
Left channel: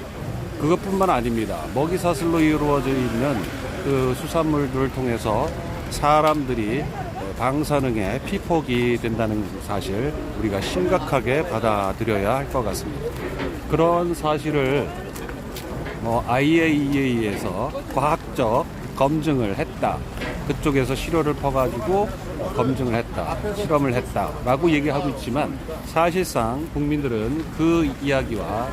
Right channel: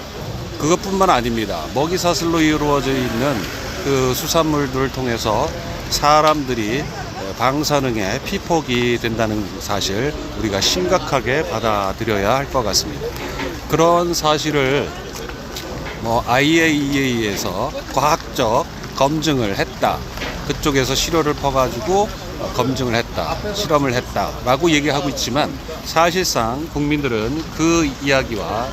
그것뿐만 아닙니다. 먹이 사슬로 이루어져 있는 그 수산물들을 통해서 사람들이 방사능에 피폭이 된다는 사실 우리가 심각하게 받아들여야 할 것 같습니다. 그런 사실을 IAEA에서 과학적 검증을 했다. 그쪽에서 시료를 퍼가지고 검증을 했다, 실험을 했다라고 얘기하고 있지만 사실상 국민들은 그 이야기와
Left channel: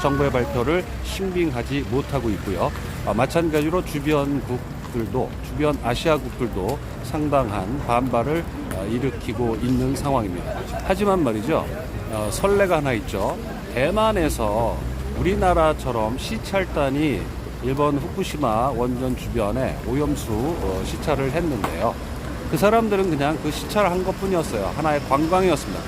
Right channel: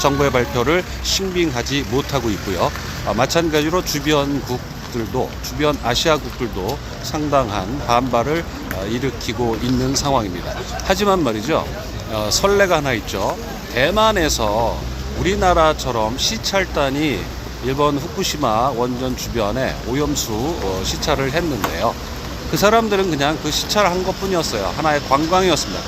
정부의 발표를 신빙하지 못하고 있고요. 마찬가지로 주변 아시아국들도 상당한 반발을 일으키고 있는 상황입니다. 하지만 말이죠, 선례가 하나 있죠. 대만에서 우리나라처럼 시찰단이 일본 후쿠시마 원전 주변에 오염수 시찰을 했는데요. 그 사람들은 그냥 그 시찰을 한 것뿐이었어요. 하나의 관광이었습니다.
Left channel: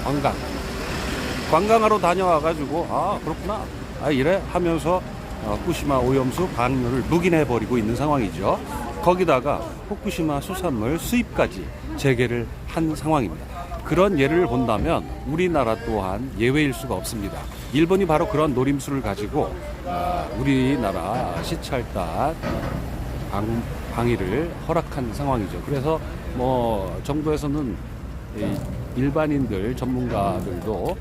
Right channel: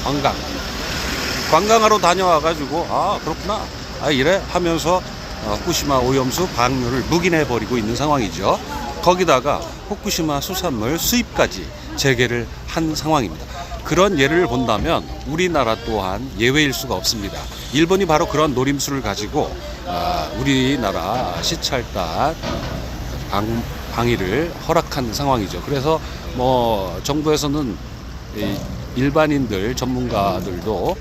관광하러 다녀와가지고 그렇구나, 이래 하면서 후쿠시마 오염수 방류를 묵인해버리고 있는 상황이죠. 거기다가 후쿠시마 수산물 수입까지 재개를 한 상황입니다. 그런 예를 본다면 우리나라 또한 예외일 수가 없습니다. 일본이 바로 그런 노림수를 가지고 우리나라 시찰단 방위를 허락한 상황이죠. 그래서 정부에서는 일반인들 전문가들도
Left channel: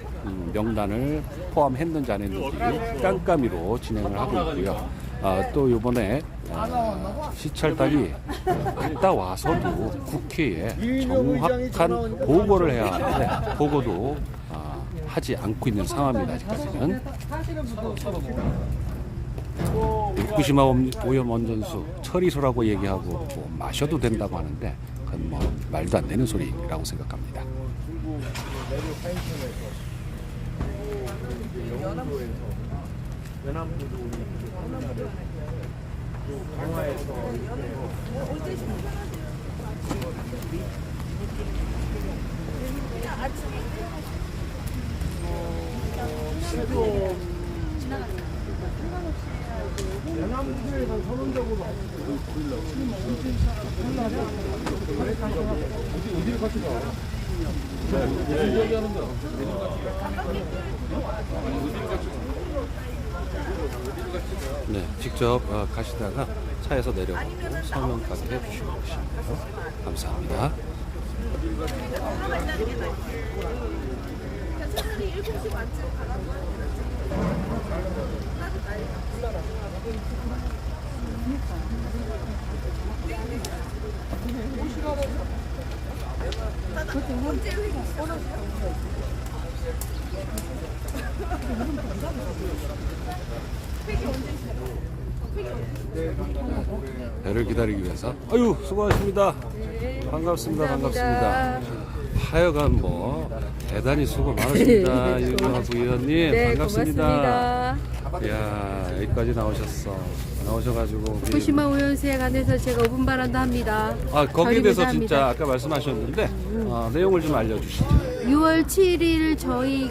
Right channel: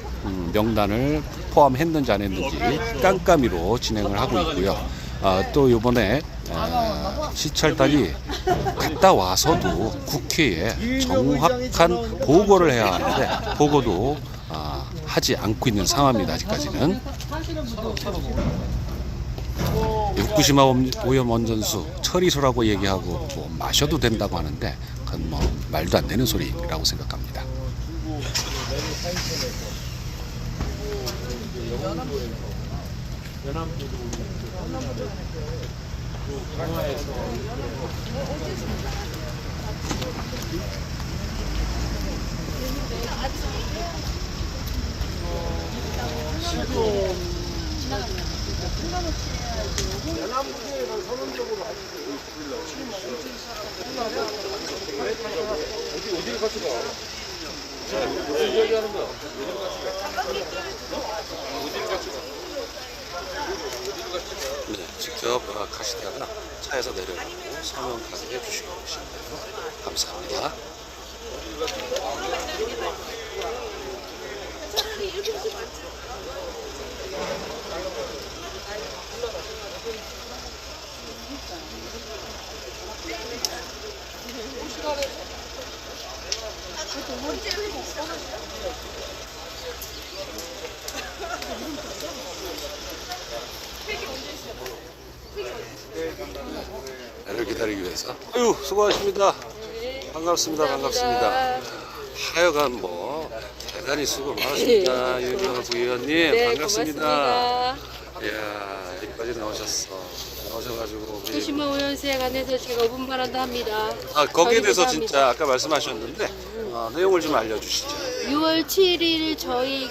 명단을 포함했는지 안 했는지 깜깜이로 진행을 하고 있고요. 또 이번에 시찰단이 갔다 와서도 국회에 정확한 보고를 해야 하는데 보고도 하지 않고 있는 상황입니다. 아직까지는. 후쿠시마 오염 원전수 처리소라고 얘기하고 마셔도 된다고 하는데 그건 말도 안 되는 소리라고 생각합니다. 네, 직접 가시다가 차에서 내려가고 서명까지 해주시고 계시네요. 감사합니다. 배를 기다리기 위해서. 아유, 수고하십니다. 반갑습니다. 하여간 대단히 수고 많으십니다. 윤영아 부의원님. 네, 반갑습니다. 고맙습니다. 이야, 여기까지 나오셔가지고. 후쿠시마 오염수에 관해서 제가 5분 발언도 합니다. 거기에 대해서 전입니다. 진짜 아까 말씀하셨는데 내용을 좀 알려주시죠. 6월 7일 저희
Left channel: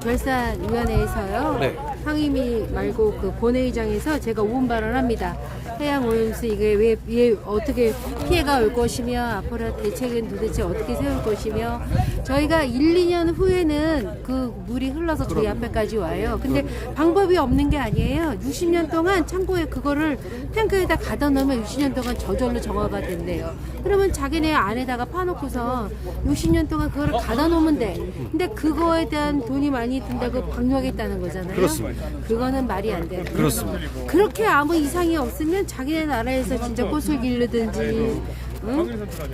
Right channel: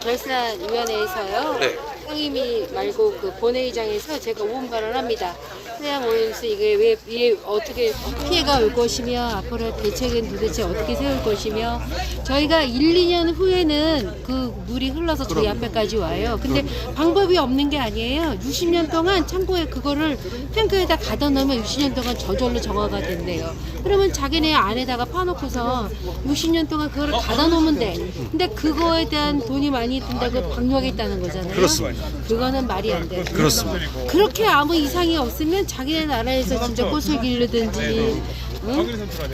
결산위원회에서요. 네. 상임위 말고 본회의장에서 제가 5분 발언합니다. 해양 오염수 이게 왜 어떻게 피해가 올 것이며 앞으로 대책은 도대체 어떻게 세울 것이며 저희가 1, 2년 후에는 그 물이 흘러서 저희 앞에까지 와요. 근데 방법이 없는 게 아니에요. 60년 동안 창고에 그거를 탱크에다 가둬 놓으면 60년 동안 저절로 정화가 된대요. 그러면 자기네 안에다가 파놓고서 60년 동안 그거를 가둬 놓으면 돼. 근데 그거에 대한 돈이 많이 든다고 방류하겠다는 거잖아요. 그렇습니다. 그거는 말이 안 돼요. 그렇습니다. 그렇게 아무 이상이 없으면 자기네 나라에서 진짜 꽃을 기르든지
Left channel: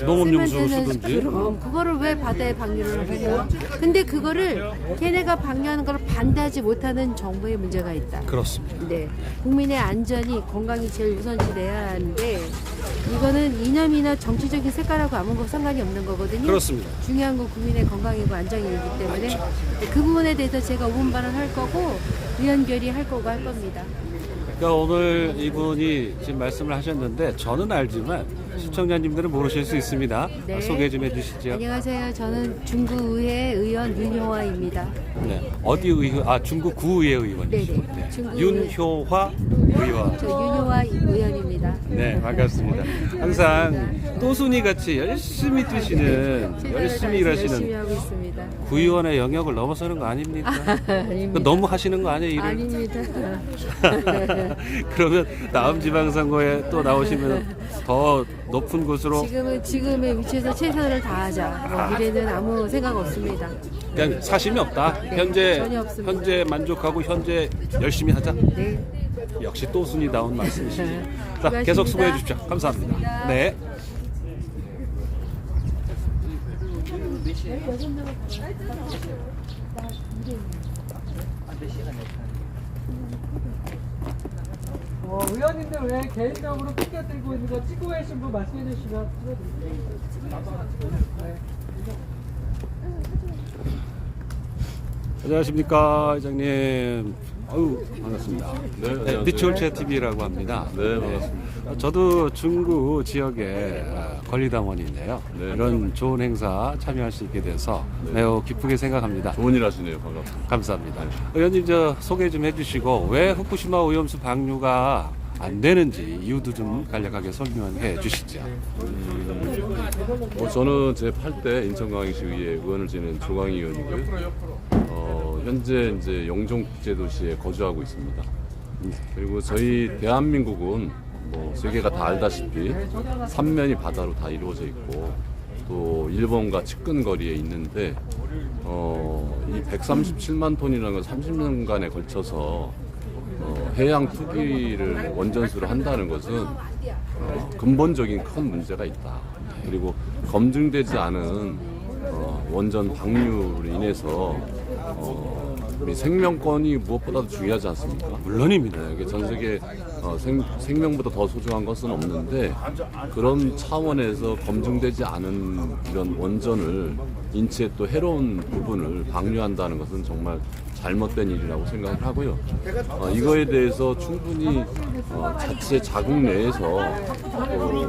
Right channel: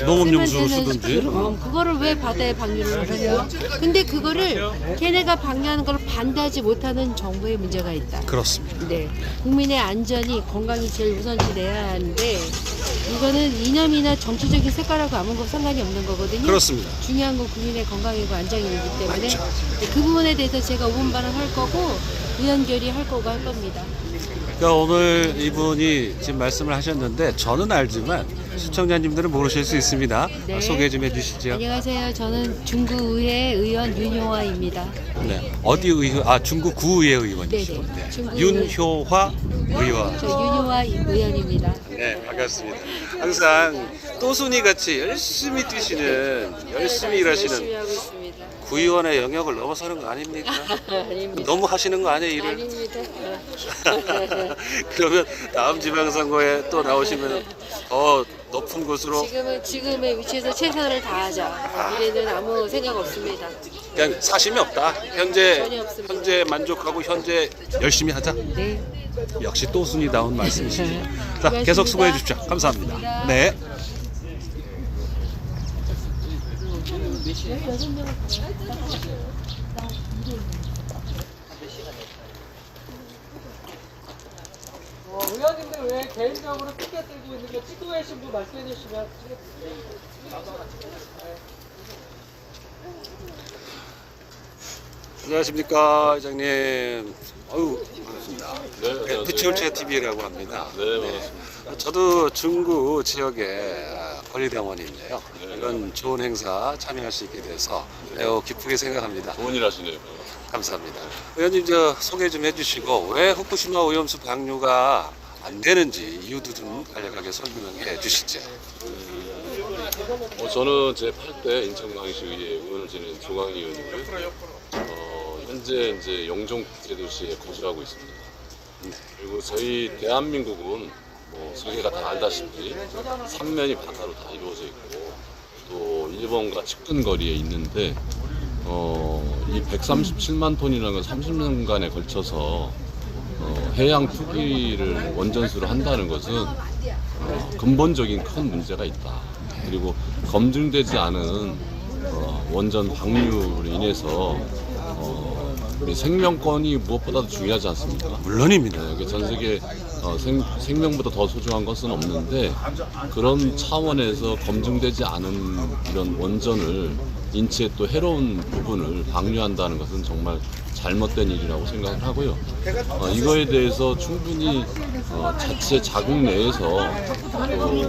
농업용수를 세면대는 쓰든지. 그럼 그거를 왜 바다에 방류를 하냐. 근데 그거를 걔네가 방류하는 걸 반대하지 못하는 정부의 문제가 있다. 그렇습니다. 네, 국민의 안전이 건강이 제일 우선시 돼야 하는데 이거는 이념이나 정치적인 색깔하고 아무 상관이 없는 거거든요. 그렇습니다. 중요한 건 국민의 건강이고 안정이기 때문에 그 부분에 대해서 제가 5분 발언할 거고 의원 결의할 거고 할 겁니다. 그러니까 오늘 이분이 지금 말씀을 하셨는데 저는 알지만 시청자님들은 모르실 수 있습니다. 네. 소개 좀 해주시죠. 안녕하세요. 저는 중구의회 의원 윤효화입니다. 네. 어디 의원? 아, 중구 구의회 의원이시고. 네네. 네. 중구 윤효화 의원. 저 윤효화 의원입니다. 네, 반갑습니다. 항상 또순이 같이 열심히 뛰시는, 열심히 열심히 일하시는 하고 있습니다. 구의원의 영역을 넘어서는 거 아닙니까? 아닙니다. 너무 하시는 거 아니에요, 일을? 아닙니다. 그러면 다음 지방선거에 또 나오시면 더 높은 곳으로 지금의 위치에서 최선을 다하자. 미래는 아무 생각 없습니다. 그냥 사심이 없다. 현재 전혀 없습니다. 현재 만족하고 현재 열심히 하자. 네. 역시 또순이다운 말씀이시죠. 자, 수고하셨습니다. 계속 수고해 주십시오. 감사합니다. 네. 의원님들 왜 개인적으로 피켓 들고 있는 거 찍고 계신 분 말씀해 주시면 찍어드릴게요. 안녕하십니까, 회장님. 아유, 반갑습니다. 네, 안녕하세요. 비추홀체 TV라고 합니다. 네, 반갑습니다. 저도 중구 지역에 권리당원인데요. 네. 이런 좋은 행사 참여할 수 있게 돼서 매우 기쁘게 생각합니다. 좋은 일 하시네요. 반갑습니다. 감사합니다. 의원님 저 소개 좀 해주시고 왜 후쿠시마 오염수 방류가 안 되는지 이유도 좀 간략하게 설명해 주시죠. 저는 제 8대 인천광역시의회 의원을 지낸 조광희 의원이고요. 현재 이제 영종국제도시에 거주하고 있습니다. 그리고 저희 대한민국은 뭐 세계가 다 알다시피 삼면이 바다로 다 이루어져 있고 또 일본과 측근 거리에 있는데 이 137만 톤이라는 건 30년간에 걸쳐서 해양 투기를 원전수로 한다는 것은 근본적인 큰 문제가 있다. 그리고 검증되지 않은 원전 방류로 인해서 우리 생명권이 무엇보다도 중요하지 않습니까? 물론입니다. 네, 전 세계 생명보다 더 소중한 것은 없는데 그런 차원에서 검증되지 않은 이런 원전을 인체에 또 해로운 부분을 방류한다는 것은 정말 잘못된 일이라고 생각을 하고요. 이거에 대해서 충분히 자체 자국 내에서 또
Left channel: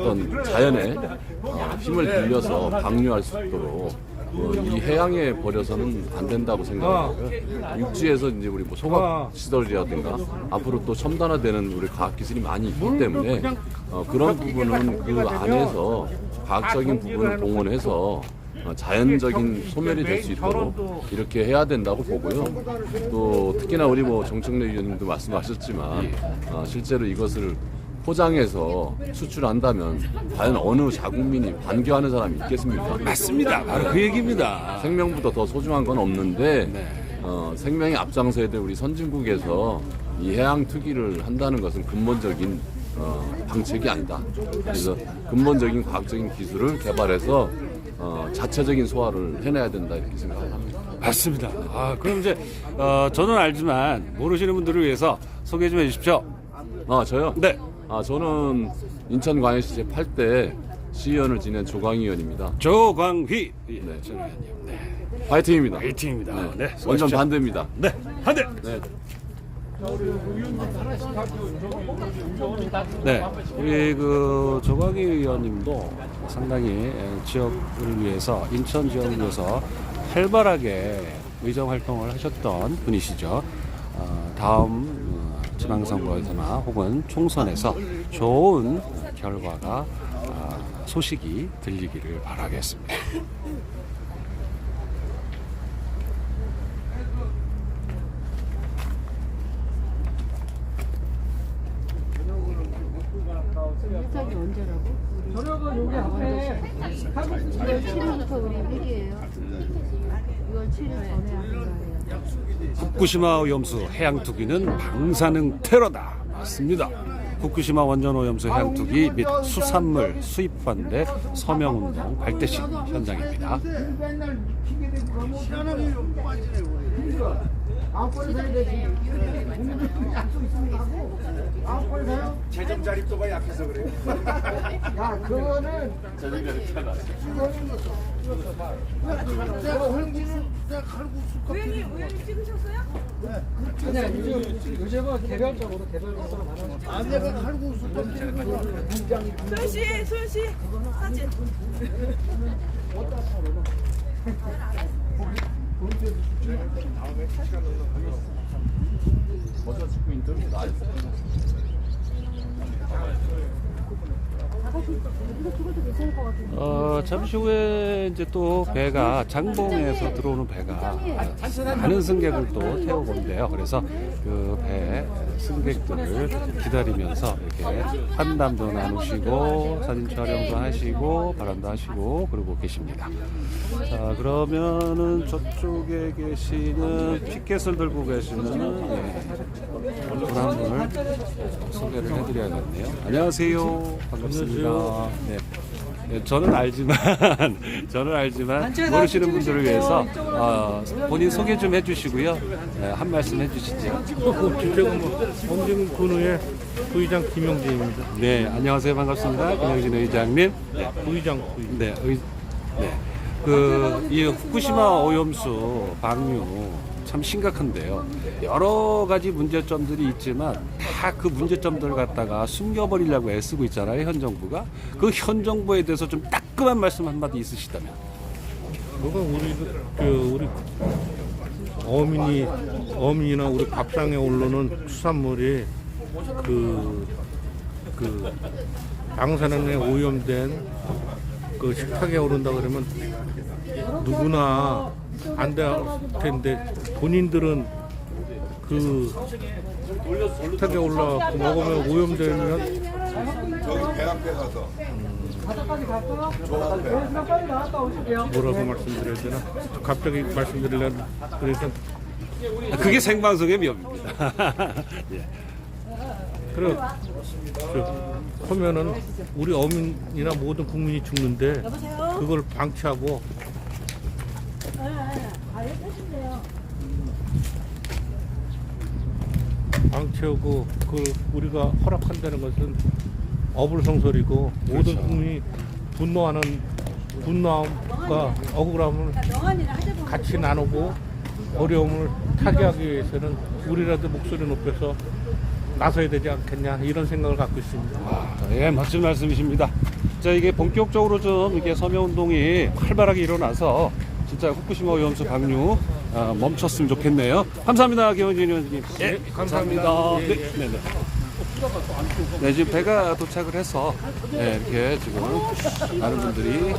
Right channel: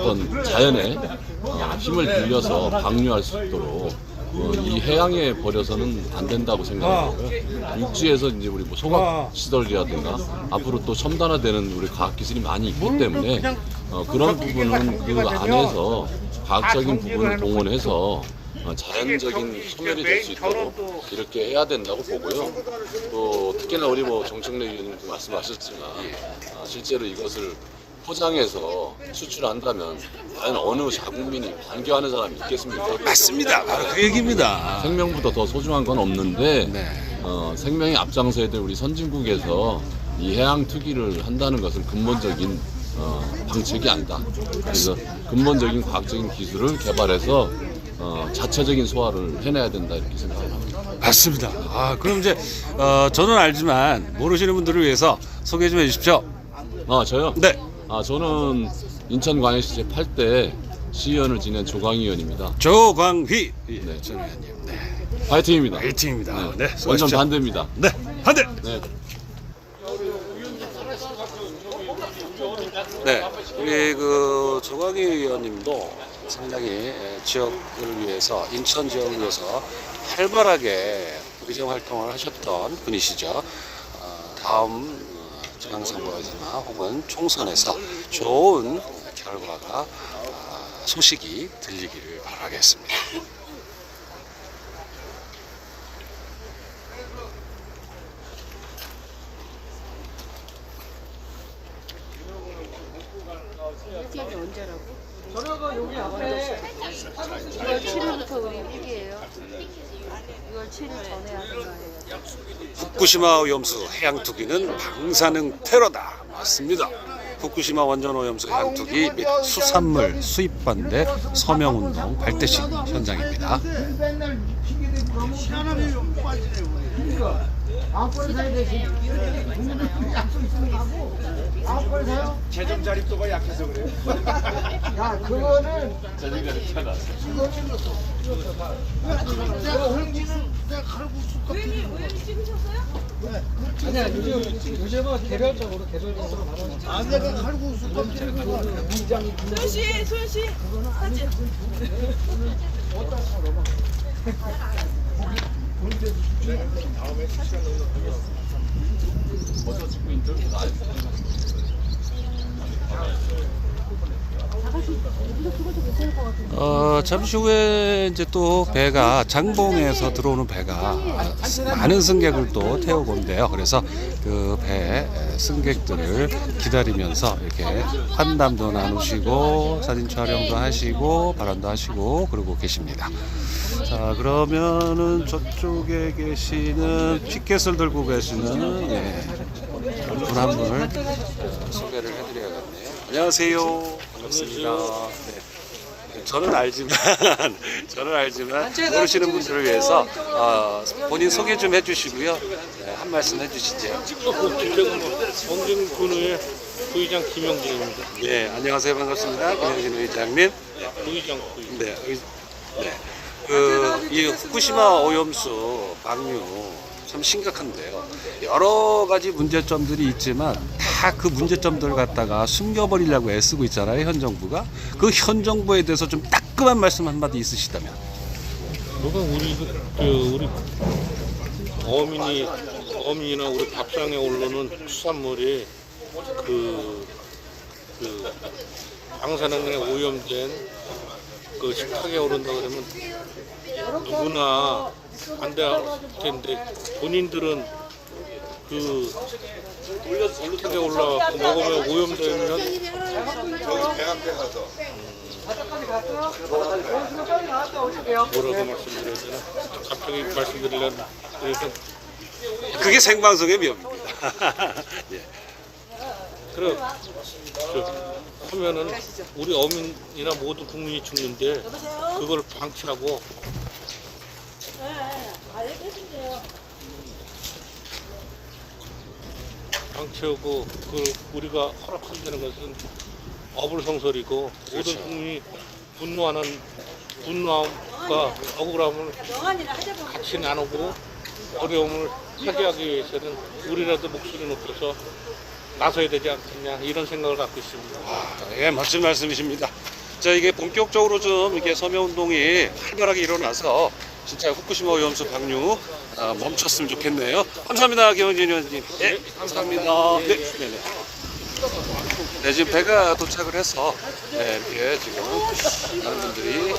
어떤 자연의 힘을 빌려서 방류할 수 있도록 이 해양에 버려서는 안 된다고 생각하고요. 육지에서 이제 우리 뭐 소각 시설이라든가 앞으로 또 첨단화되는 우리 과학 기술이 많이 있기 때문에 그런 부분은 그 안에서 과학적인 부분을 동원해서 자연적인 소멸이 될 수 있도록 이렇게 해야 된다고 보고요. 또 특히나 우리 뭐 정청래 의원님도 말씀하셨지만 실제로 이것을 포장해서 수출한다면 과연 어느 자국민이 반겨하는 사람이 있겠습니까? 맞습니다. 바로 그 얘기입니다. 생명보다 더 소중한 건 없는데 네. 생명의 앞장서야 될 우리 선진국에서 이 해양 투기를 한다는 것은 근본적인 방책이 아니다. 그래서 근본적인 과학적인 기술을 개발해서 자체적인 소화를 해내야 된다 이렇게 생각을 합니다. 맞습니다. 그럼 이제 저는 알지만 모르시는 분들을 위해서 소개 좀 해주십시오. 저요? 네. 저는 인천광역시 제8대 시의원을 지낸 조광희 의원입니다. 조광휘 네. 전 의원님. 네. 파이팅입니다. 화이팅입니다. 네. 완전 수고하십시오. 반대입니다. 네. 반대. 네. 네, 우리 그 조광희 의원님도 상당히 지역을 위해서 인천 지역을 위해서 활발하게 의정 활동을 하셨던 분이시죠. 다음 지방선거에서나 혹은 총선에서 좋은 결과가 소식이 들리기를 바라겠습니다. 저녁은 여기 앞에 6월 7일부터 우리 회기예요. 6월 7일 전에 하는 거예요. 후쿠시마 오염수 해양 투기는 방사능 테러다. 맞습니다. 후쿠시마 원전 오염수 해양 투기 및 수산물 수입 반대 서명 운동 발대식 현장입니다. 아홉 번에 사야 되지. 약속 있으면 하고. 아홉 번에 사요? 재정 자립도가 약해서 그래요. 야, 그거는 내가 홍지는 내가 칼국수 우연히 찍으셨어요? 아니야, 요즘은 개별적으로 나눠. 아, 내가 칼국수 좀 위장 소연 씨 사진. 잠시 후에 이제 또 배가 장봉에서 들어오는 배가 많은 승객을 또 태우고 온대요. 그래서 그 배 승객들을 기다리면서 이렇게 환담도 나누시고 사진 촬영도 하시고 발언도 하시고 그러고 계십니다. 자, 그러면은 저쪽에 계시는 티켓을 들고 계시는 분 한 분을 소개를 해드려야겠네요. 안녕하세요. 반갑습니다. 네. 네, 저는 알지만 모르시는 분들을 위해서 본인 소개 좀 해주시고요. 네, 한 말씀 해주시죠. 주택은 엉진군의 부의장 김영진입니다. 네, 안녕하세요. 반갑습니다. 김영진 의장님. 네, 부의장. 네, 이 후쿠시마 오염수 방류 참 심각한데요. 여러 가지 문제점들이 있지만 다 그 문제점들을 갖다가 숨겨버리려고 애쓰고 있잖아요. 현 정부가. 그 현 정부에 대해서 좀 따끔한 말씀 한마디 있으시다면. 뭐가 우리 어민이나 우리 밥상에 오르는 수산물이 그 방사능에 오염된 그 식탁에 오른다 그러면 누구나 안 될 텐데 본인들은 그 식탁에 올라가고 먹으면 오염되면 바닥까지 갔어요? 그럼 빨리 나왔다 오실게요. 뭐라고 말씀드려야 되나? 갑자기 말씀드리려면 그래서 그게 생방송의 묘입니다. 예. 그래 하면은 우리 어민이나 모든 국민이 죽는데 그걸 방치하고 방치하고 그 우리가 허락한다는 것은 어불성설이고 모든 국민이 분노함과 억울함을 같이 나누고 어려움을 타개하기 위해서는 우리라도 목소리 높여서 나서야 되지 않겠냐 이런 생각을 갖고 있습니다. 예, 멋진 말씀이십니다. 자, 이게 본격적으로 좀 이게 서명운동이 활발하게 일어나서 진짜 후쿠시마 오염수 방류 멈췄으면 좋겠네요. 감사합니다, 김영진 의원님. 예, 감사합니다. 네, 네, 네. 네, 지금 배가 도착을 해서 네, 이렇게 지금 많은 분들이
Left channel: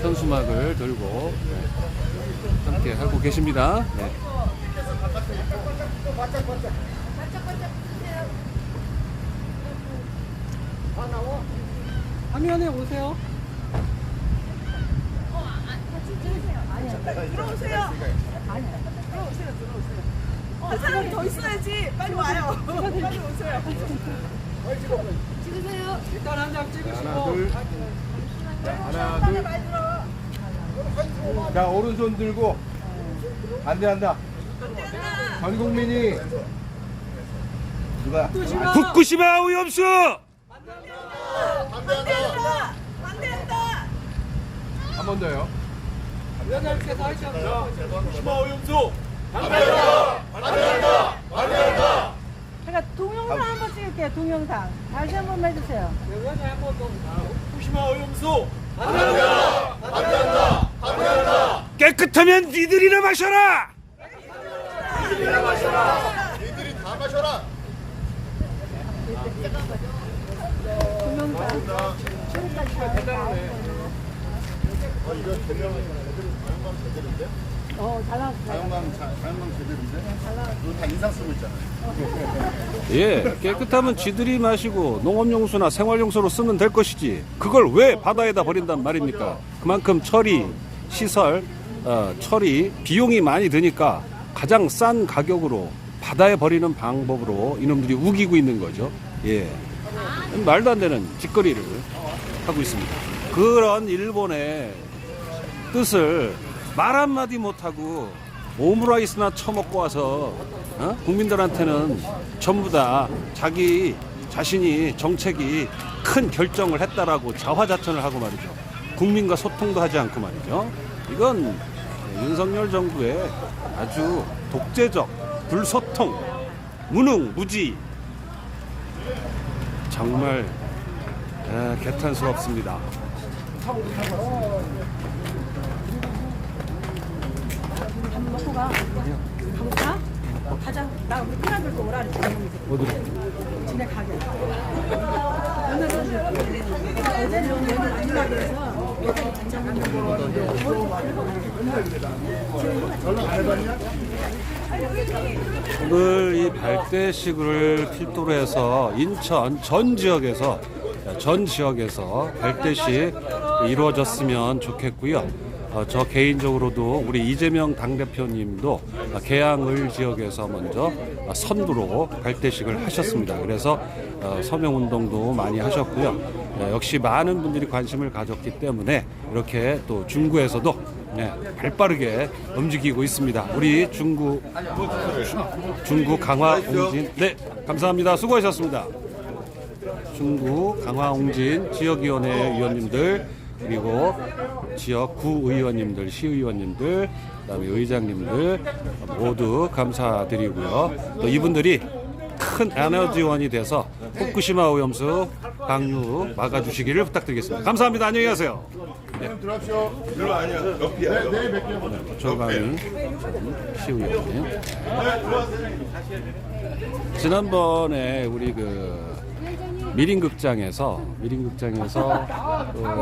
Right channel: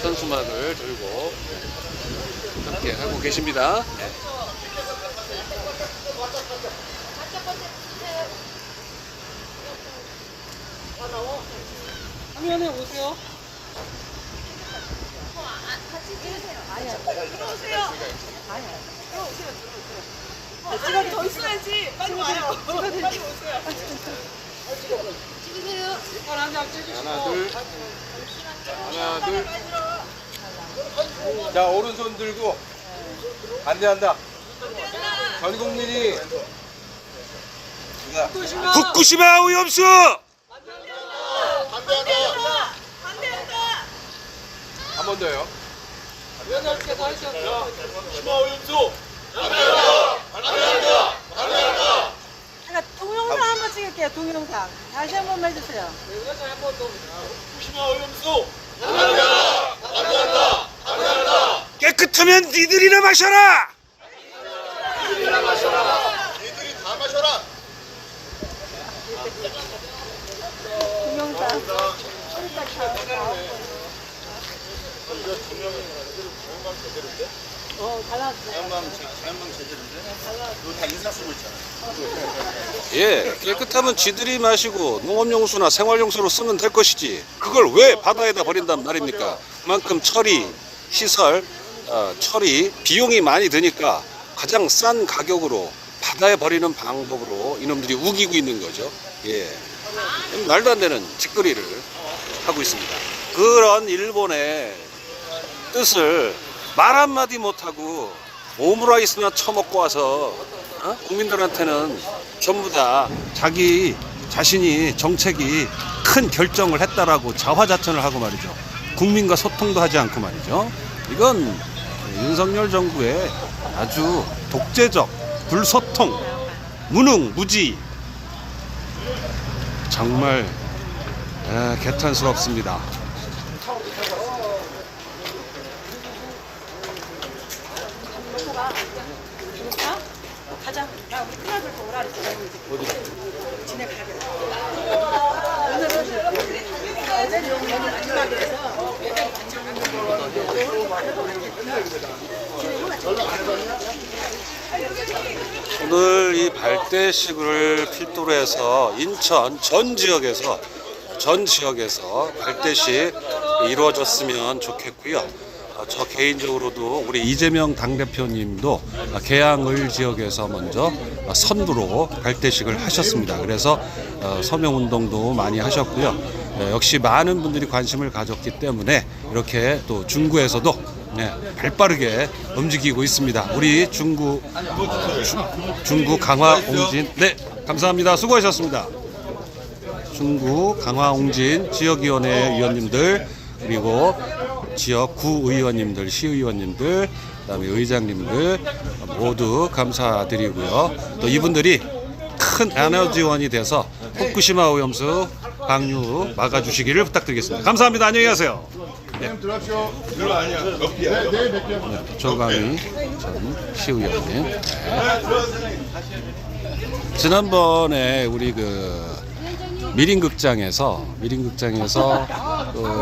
현수막을 들고 함께 하고 계십니다. 네. 화면에 오세요. 들어오세요. 한 사람이 더 있어야지. 빨리 와요. 빨리 오세요. 일단 한 장 찍으시고. 자, 오른손 들고 반대한다. 전 국민이 누가 후쿠시마 오염수 반대한다. 반대한다. 한 번 더요. 제가 동영상 한번 찍을게요. 동영상. 다시 한 번만 해주세요. 깨끗하면 니들이나 마셔라. 예, 깨끗하면 지들이 마시고 농업용수나 생활용수로 쓰면 될 것이지. 그걸 왜 바다에다 버린단 말입니까? 그만큼 처리, 시설, 처리 비용이 많이 드니까 가장 싼 가격으로 바다에 버리는 방법으로 이놈들이 우기고 있는 거죠. 예, 말도 안 되는 짓거리를 하고 있습니다. 그런 일본의 뜻을 말 한마디 못하고 오므라이스나 처먹고 와서 국민들한테는 전부 다 자기 자신이 정책이 큰 결정을 했다라고 자화자찬을 하고 말이죠. 국민과 소통도 하지 않고 말이죠. 이건 윤석열 정부의 아주 독재적, 불소통, 무능, 무지, 정말 개탄스럽습니다. 가자. 나 우리 클럽을 또 오라 그랬지. 집에 가게. 오늘 이 발대식을 필두로 해서 인천 전 지역에서 발대식 이루어졌으면 좋겠고요. 저 개인적으로도 우리 이재명 당대표님도 계양을 지역에서 먼저 선두로 발대식을 하셨습니다. 그래서 서명운동도 많이 하셨고요. 역시 많은 분들이 관심을 가졌기 때문에 이렇게 또 중구에서도 발빠르게 움직이고 있습니다. 우리 중구 강화옹진, 네, 감사합니다. 수고하셨습니다. 중구 강화옹진 지역위원회 위원님들, 그리고 지역 구의원님들, 시의원님들, 그다음에 의장님들 모두 감사드리고요. 또 이분들이 큰 에너지원이 돼서 후쿠시마 오염수 방류 막아주시기를 부탁드리겠습니다. 감사합니다. 안녕히 가세요. 들어가십시오. 별로 아니야. 몇 개야? 조강희 전 시의원님. 지난번에 우리 미림극장에서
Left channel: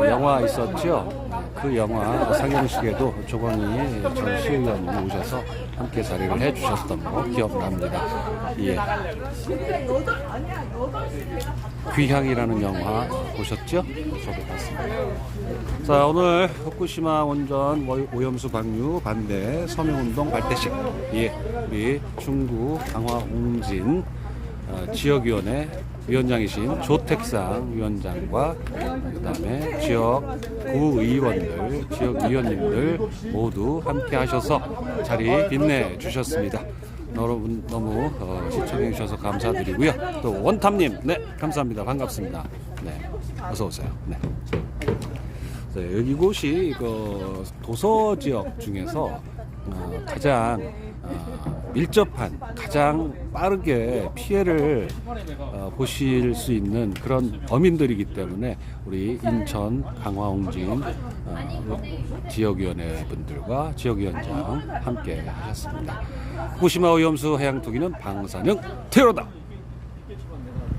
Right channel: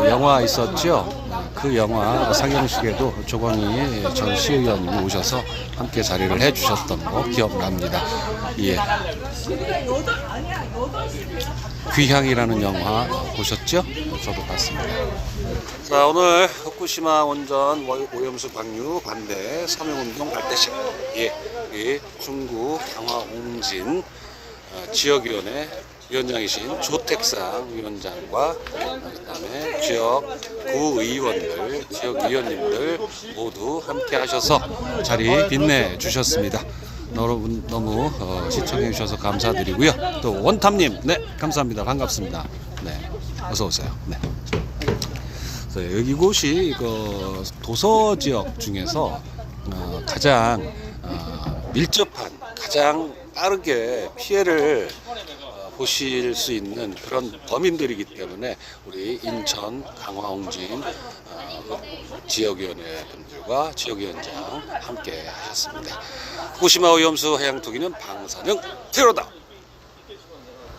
영화 있었죠. 그 영화 상영식에도 조광희 전 시의원님이 오셔서 함께 자리를 해주셨던 거 기억납니다. 예. 귀향이라는 영화 보셨죠? 저도 봤습니다. 자, 오늘 후쿠시마 원전 오염수 방류 반대 서명운동 발대식, 우리 중구 강화옹진 지역위원회 위원장이신 조택상 위원장과 그다음에 지역 구의원들, 지역위원님들 모두 함께 하셔서 자리 빛내 주셨습니다. 여러분 너무 시청해 주셔서 감사드리고요. 또 원탐님, 네, 감사합니다. 반갑습니다. 네, 어서 오세요. 네. 여기곳이 도서 지역 중에서 가장 밀접한, 가장 빠르게 피해를 보실 수 있는 그런 범인들이기 때문에 우리 인천 강화옹진 지역위원회 분들과 지역위원장 함께 하셨습니다. 후쿠시마 오염수 해양 투기는 방사능 테러다.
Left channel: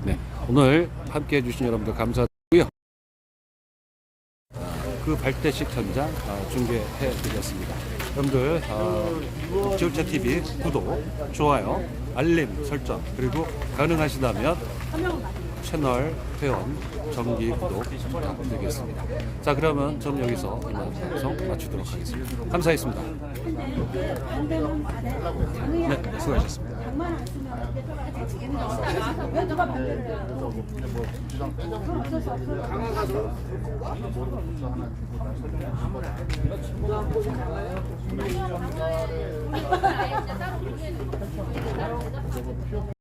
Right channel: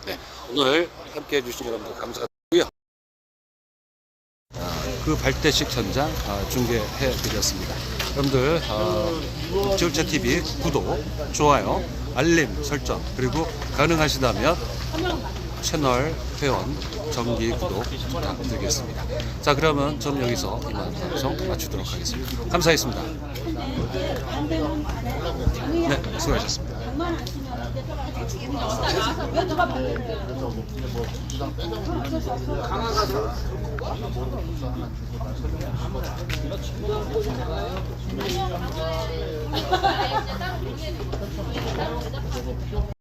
네, 오늘 함께 해주신 여러분들 감사드리고요. 그 발대식 현장 중계해 드렸습니다. 여러분들 지울채TV 구독, 좋아요, 알림 설정, 그리고 가능하시다면 채널 회원 정기 구독 부탁드리겠습니다. 자, 그러면 저는 여기서 이만 방송 마치도록 하겠습니다. 감사했습니다. 네, 수고하셨습니다. 강화가서